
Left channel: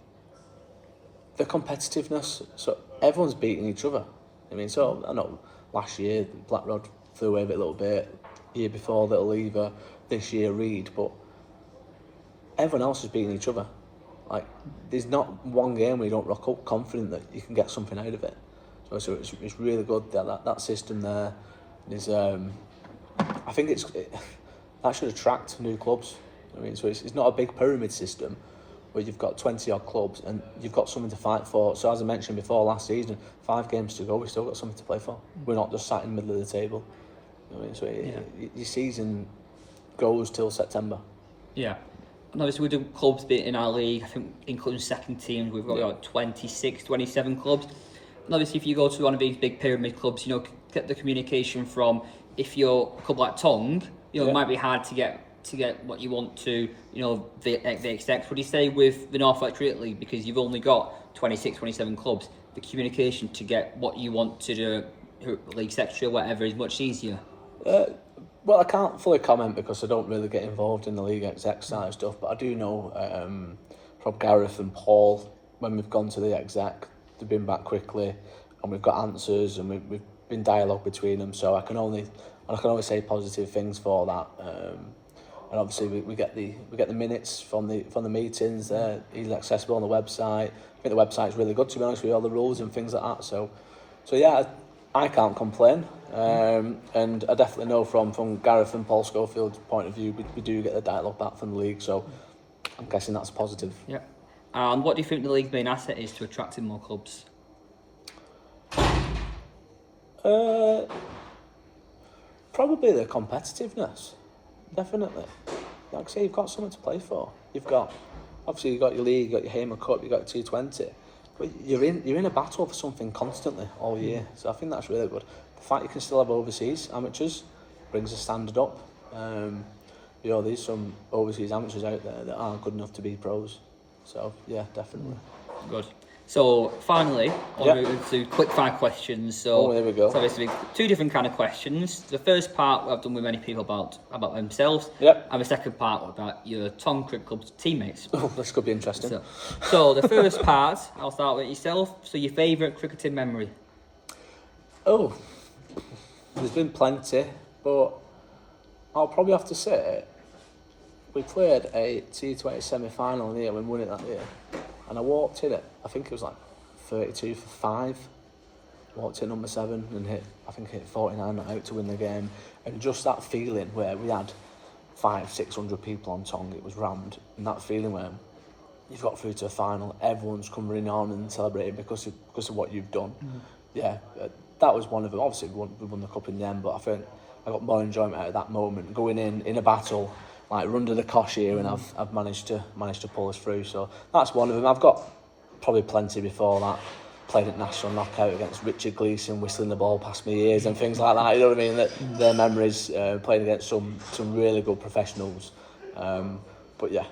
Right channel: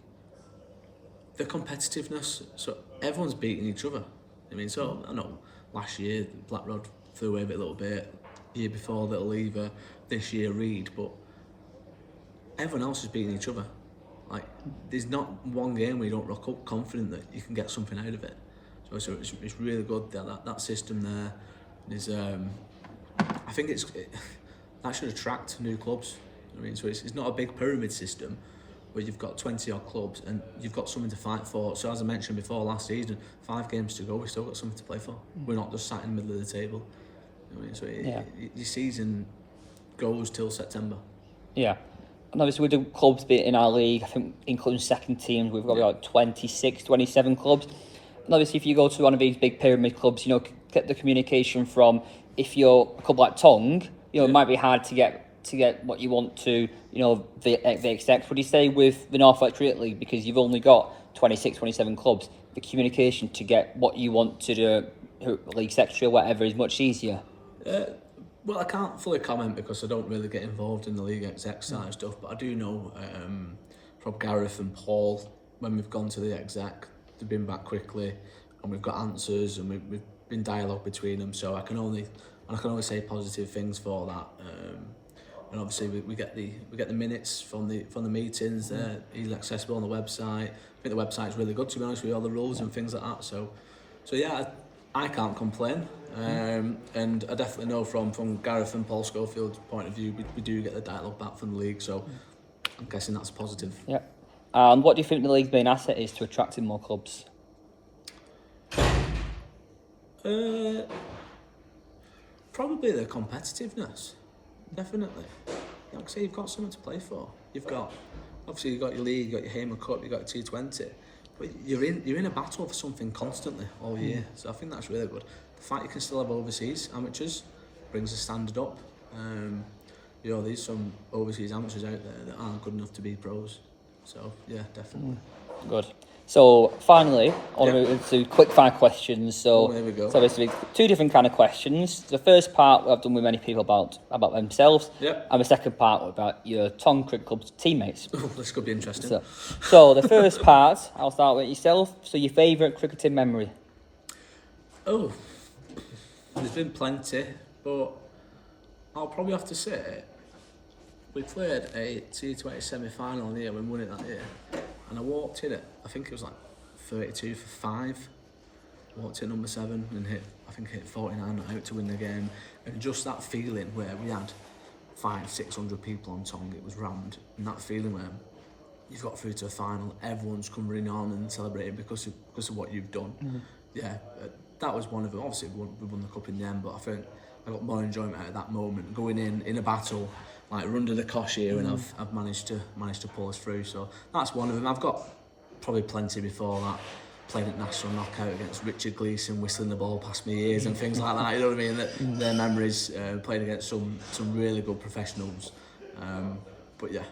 competitiveness, so everyone's beating each other. I mean, so I know last year Black Rod flew away a little bit, year before Little Lever, this year Reed, but everyone else is beating each other. Like, there's not one game where you don't rock up confident that you can get something out of it. So it's really good that system there is. I think that should attract new clubs. I mean, so it's not a big pyramid system where you've got 20 odd clubs and you've got something to fight for. So as I mentioned before, last season, 5 games to go, we've still got something to play for. We're not just sat in the middle of the table. I mean, so your season goes till September. Yeah. And obviously we do clubs in our league, I think including second teams, we've got about 26, 27 clubs. And obviously if you go to one of these big pyramid clubs, you know, get the communication from, if you're a club like Tonge, you know, it might be hard to get what you want to, you know, the execs. Would you say with the North West League, because you've only got 26, 27 clubs, the communication to get what you want to do, league secretary or whatever, is much easier? Well, I can't fully comment because I don't really get involved in the league exec side of stuff, but I do know from Gareth and Paul, when we've gone to the exec, they've been back quickly and we've got answers and we've been dialogue between them, so I can only say positive things for that. And obviously we get the minutes from the meetings. They're easily accessible on the website. I think the website's really good, to be honest, with all the rules and things like that. So yeah, I can't complain. And I definitely know from Gareth and Paul Schofield's point of view, we do get the dialogue back from the league, so I'm guessing that's positive. Yeah. And what do you think the league's main asset is to attracting more clubs? Probably the competitiveness, definitely. Like I say, you've got something to play for. Obviously you've got your league, you've got your Hamer Cup, you've got your T20, but you're in a battle for something constantly all year. So I think that's really good. The fact you can still have overseas amateurs brings the standard up. There's some overseas amateurs out there that aren't good enough to be pros. So yeah, definitely. Good. So finally, I'll move into quick fire questions. So there we go. So basically, two different kind of questions. The first part I've done with many people about themselves. Yep. And the second part about your Tonge Cricket Club's teammates. Oh, this could be interesting. So the first part, I'll start with yourself. So your favourite cricketing memory? Oh, there's been plenty, but I'll probably have to say we played a T20 semi-final in the year when we won it that year, and I walked in it, I think it was like 32 for 5, walked in number 7 and hit 49 not out to win the game, and just that feeling where we had 500-600 people on Tonge, it was rammed, and that feeling where you've got through to a final, everyone's coming on and celebrating because of what you've done. Yeah, that was one of them. Obviously we won the cup in the end, but I think I got more enjoyment out of that moment, going in a battle like we're under the cosh here, and I've managed to pull us through. So that's one of them. I've got probably plenty before that. Played at National Knockout against Richard Gleeson, whistling the ball past my ears and things like that. You know what I mean? Their memories. Playing against some really good professionals. But yeah,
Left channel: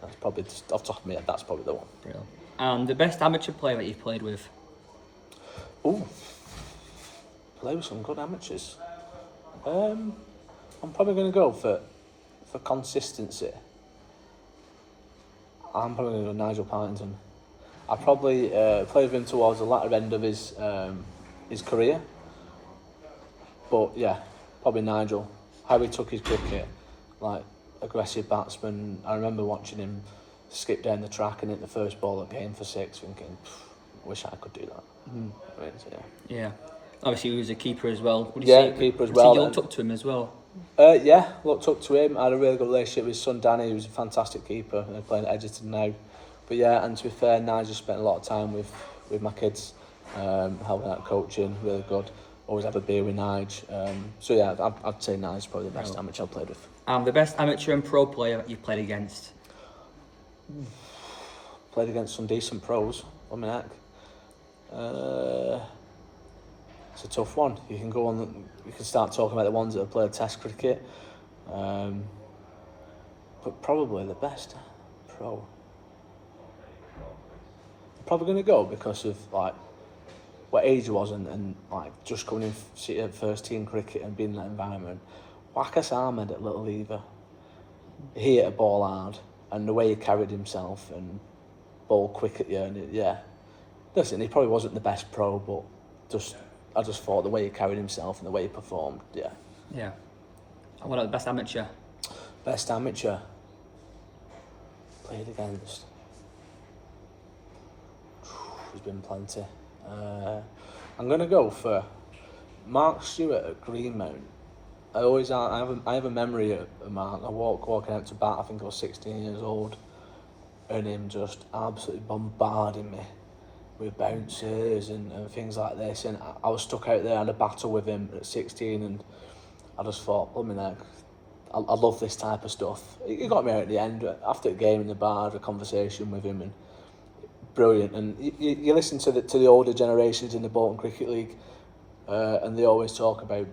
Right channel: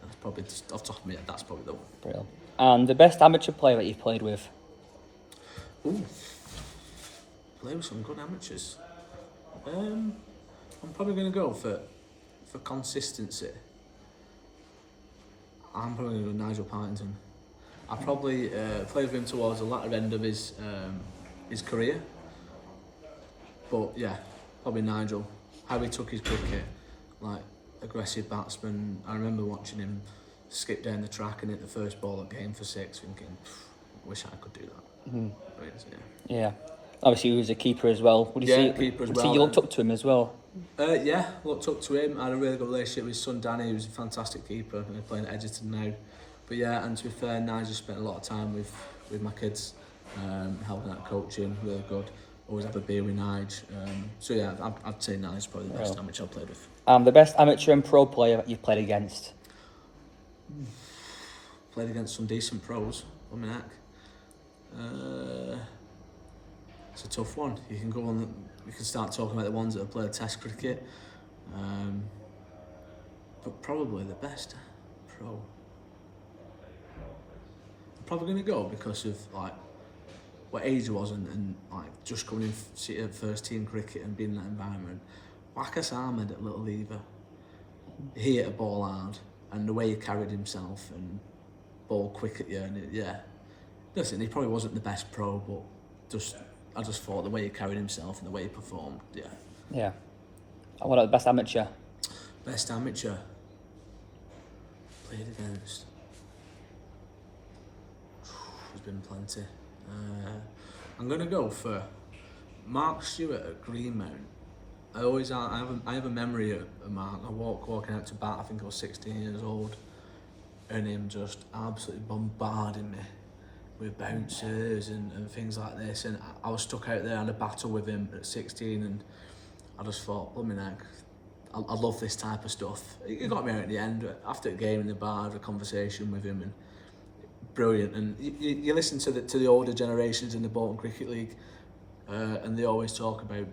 that's probably just off the top of my head. That's probably the one. Brilliant. And the best amateur player that you've played with? Ooh, play with some good amateurs. I'm probably going to go for consistency. I'm probably going to go Nigel Partington. I probably played with him towards the latter end of his career. But yeah, probably Nigel. How he took his cricket, like aggressive batsman. I remember watching him skip down the track and hit the first ball at game for 6, thinking, wish I could do that. I mean, so, yeah. Obviously, he was a keeper as well. Keeper as well. You looked up to him as well? Yeah, looked up to him. I had a really good relationship with his son Danny, who's a fantastic keeper, playing at Edgerton now. But yeah, and to be fair, Nigel spent a lot of time with my kids, helping out coaching, really good. Always have a beer with Nige. So yeah, I'd say Nige's probably the best amateur I've played with. The best amateur and pro player you've played against? Played against some decent pros, on my neck. It's a tough one. You can go on. You can start talking about the ones that have played Test cricket, but probably the best pro. I'm probably going to go because of like what age I was and like just coming in first team cricket and being in that environment. Wakas Ahmed at Little Lever, he hit a ball hard, and the way he carried himself and ball quick at you, and listen, he probably wasn't the best pro, but I just thought the way he carried himself and the way he performed, yeah. Yeah. And what about the best amateur? Best amateur played against. There's been plenty. I'm gonna go for Mark Stewart at Greenmount. I have a memory of Mark. I walking out to bat. I think I was 16 years old, and him just absolutely bombarding me with bouncers and things like this, and I was stuck out there in a battle with him at 16, and I just thought, blooming heck, I love this type of stuff. He got me out at the end. After the game in the bar, I had a conversation with him, and brilliant. And you listen to the older generations in the Bolton Cricket League, and they always talk about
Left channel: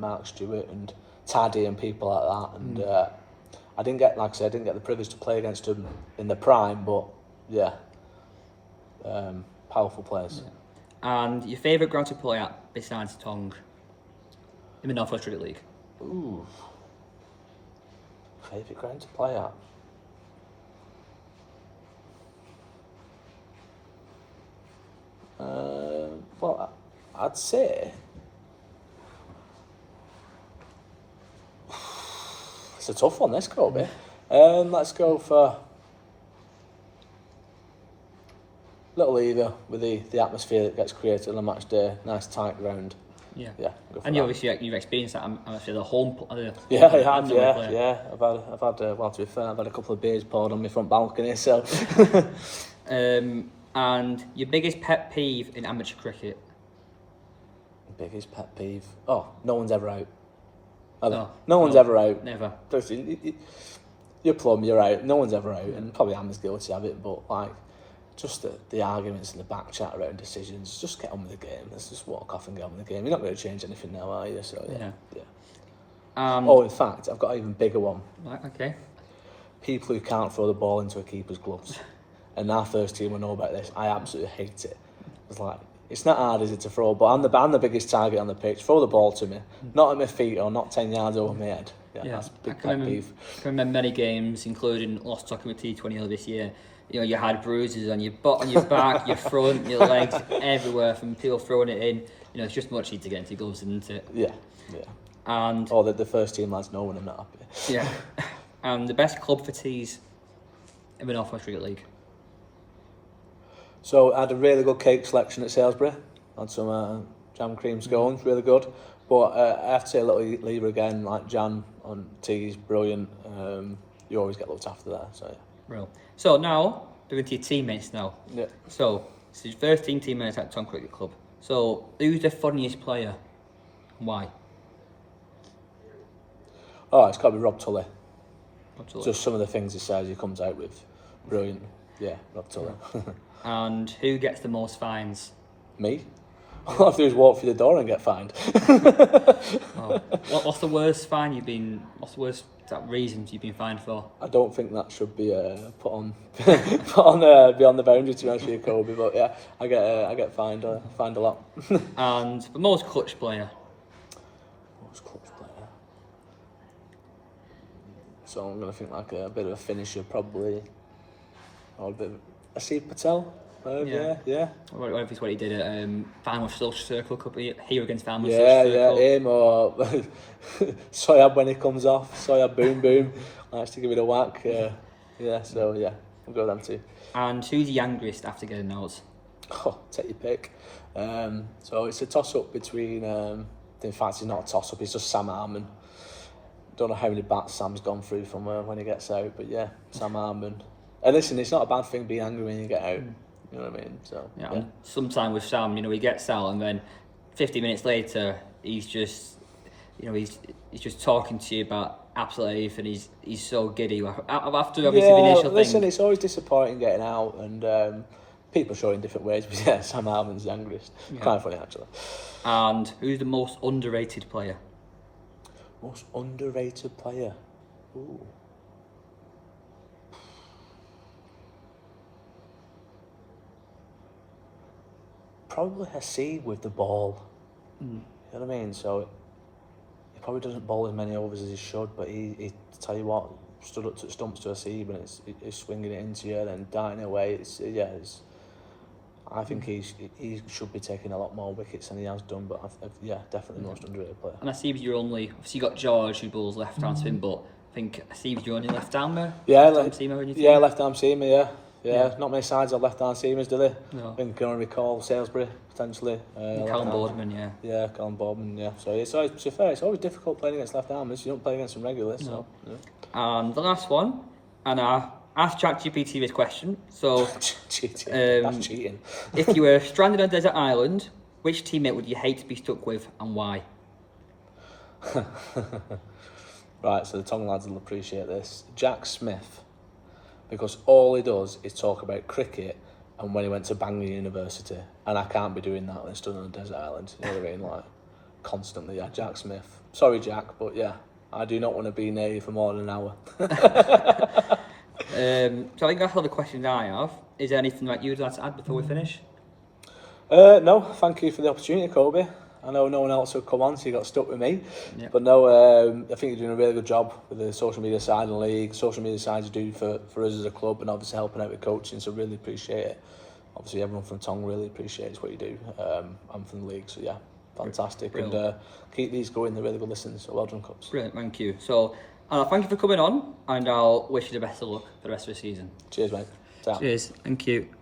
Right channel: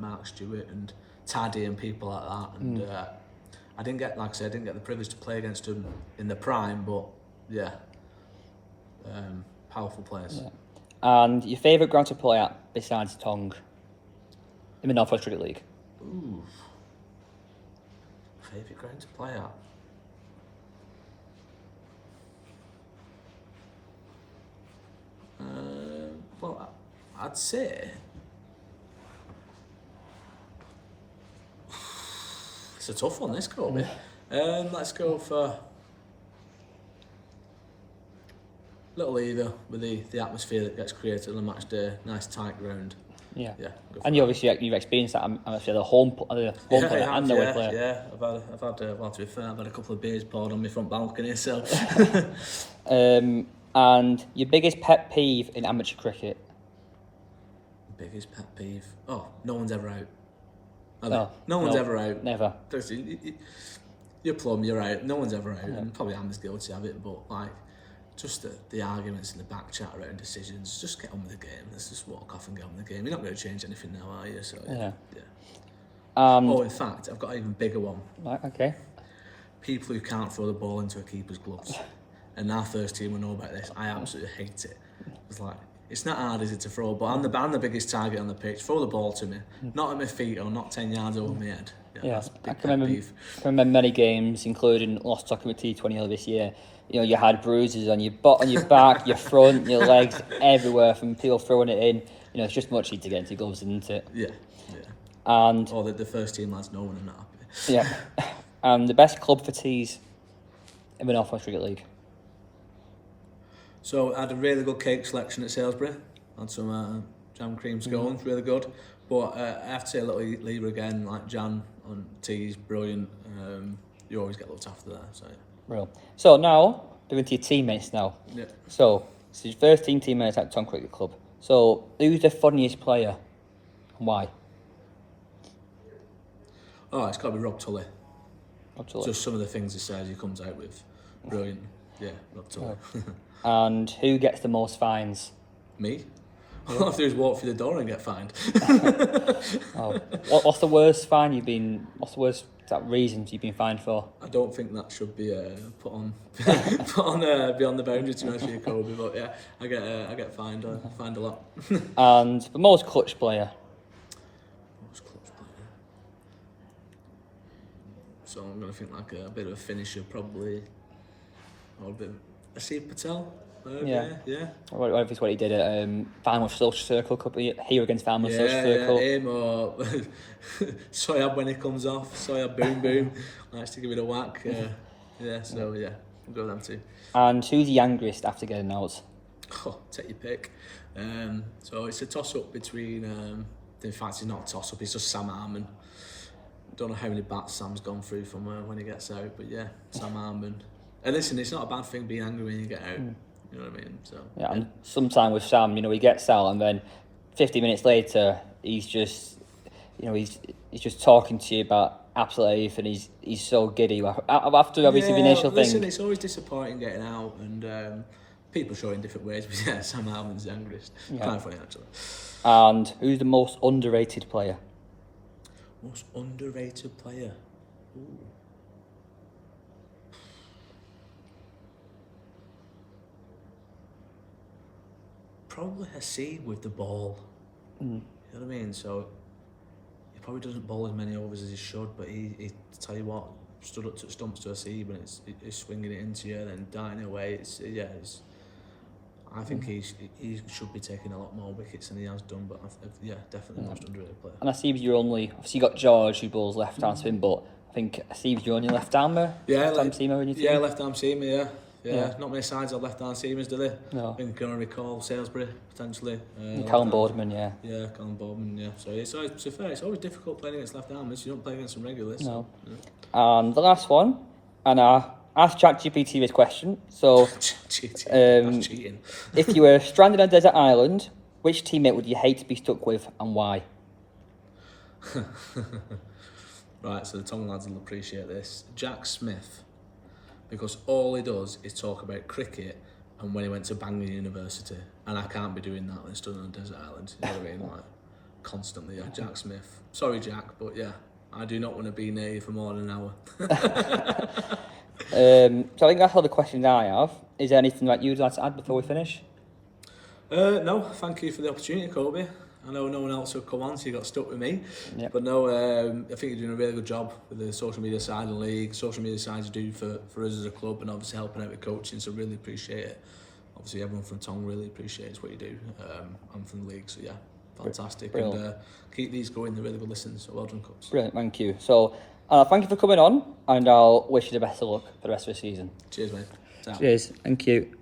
Mark Stewart and Taddy and people like that, and I didn't get the privilege to play against him in the prime, but yeah, powerful players. Yeah. And your favourite ground to play at besides Tonge in the North West Cricket League? Ooh, favourite ground to play at? Well, I'd say it's a tough one, this Kobe. Let's go for Little Lever with the atmosphere that gets created on a match day. Nice tight ground. Yeah. And you obviously you've experienced that atmosphere, the home. Yeah, I have. Yeah. I've had. Well, to be fair, I've had a couple of beers poured on my front balcony. So. And your biggest pet peeve in amateur cricket? Biggest pet peeve? Oh, no one's ever out. Are they? No, No one's ever out. Never. You're plum, you're out. No one's ever out, and probably I'm as guilty of it. But like, just the arguments in the back chat around decisions. Just get on with the game. Let's just walk off and get on with the game. You're not going to change anything now, are you? So yeah. In fact, I've got an even bigger one. Right, okay. People who can't throw the ball into a keeper's gloves. And our first team will know about this. I absolutely hate it. It's like, it's not hard, is it, to throw, but I'm the biggest target on the pitch. Throw the ball to me. Not at my feet or not 10 yards over my head. Yeah, that's a big pet peeve. I can remember many games, including lost talking with T20 this year. You know, you had bruises on your butt, on your back, your front, your legs, everywhere from people throwing it in. You know, it's just much easier to get into gloves, isn't it? Yeah. And the first team lads know when I'm not happy. Yeah. And the best club for teas in the North West Cricket League. So I had a really good cake selection at Salisbury. Had some jam cream scones, really good. But I have to say a little lever again, like jam on teas, brilliant. You always get looked after there. So yeah. Real. So now, moving to your teammates now. Yeah. So, this is your first teammates at Tonge Cricket Club. So, who's the funniest player and why? Oh, it's got to be Rob Tully. Rob Just some of the things he says he comes out with. Brilliant. Yeah, Rob Tully. And who gets the most fines? Me? All I have to do is walk through the door and get fined. What's the worst fine you've been... What's the worst reasons you've been fined for? I don't think that should be put on beyond the boundaries, to be honest with you, Kobe. But yeah, I get fined a lot. And the most clutch player? Most clutch player? So I'm going to think like a bit of a finisher, probably. Or a bit of Asif Patel. Yeah. What he did at Final Social Circle Cup here against Final Social Yeah, Circle. him or Soyab when he comes off. Soyab boom boom. Likes to give it a whack. So yeah, we'll go with them too. And who's the youngest after getting out? Oh, take your pick. So it's a toss up between. In fact, it's not a toss up. It's just Sam Harmon. Don't know how many bats Sam's gone through from when he gets out, but yeah, Sam Harmon. And listen, it's not a bad thing being angry when you get out. You know what I mean? So yeah. And sometime with Sam, you know, he gets out and then 50 minutes later, he's just, you know, he's just talking to you about absolutely everything. He's so giddy after obviously the initial thing. Listen, it's always disappointing getting out, and people show in different ways. But yeah, Sam Harmon's the youngest. Yeah. Kind of funny actually. And who's the most underrated player? Most underrated player. Ooh. Probably Hassan with the ball. You know what I mean? So he probably doesn't bowl as many overs as he should, but he tell you what, stood up to stumps to Hassan, and it's swinging it into you, then darting away. I think he should be taking a lot more wickets than he has done, but definitely the most underrated player. And I see you're only, obviously you got George who bowls left arm spin, but I think I see you're only left armer. Left arm seamer. Yeah, not many sides have left arm seamers, do they? No. I think I can only recall Salisbury potentially. Callum Boardman, yeah. Yeah, Callum Boardman, yeah. So it's always difficult playing against left armers. You don't play against them regularly. No. So, yeah. And the last one, and I asked ChatGPT this question. So, that's cheating. If you were stranded on a desert island, which teammate would you hate to be stuck with, and why? Right, so the Tongue lads will appreciate this. Jack Smith. Because all he does is talk about cricket and when he went to Bangor University, and I can't be doing that when stood on a desert island. You know what I mean? Like, constantly, yeah. Jack Smith. Sorry, Jack, but yeah, I do not want to be near you for more than an hour. So I think that's all the questions I have. Is there anything that you'd like to add before we finish? No, thank you for the opportunity, Kobe. I know no one else would come on, so you got stuck with me. Yep. But no, I think you're doing a really good job with the social media side of the league, social media side you do for us as a club, and obviously helping out with coaching, so really appreciate it. Obviously everyone from Tongue really appreciates what you do. I'm from the league, so yeah, fantastic. Brilliant. And keep these going, they're really good listens, so well done, Cups. Brilliant, thank you. So thank you for coming on, and I'll wish you the best of luck for the rest of the season. Cheers, mate. Cheers, thank you.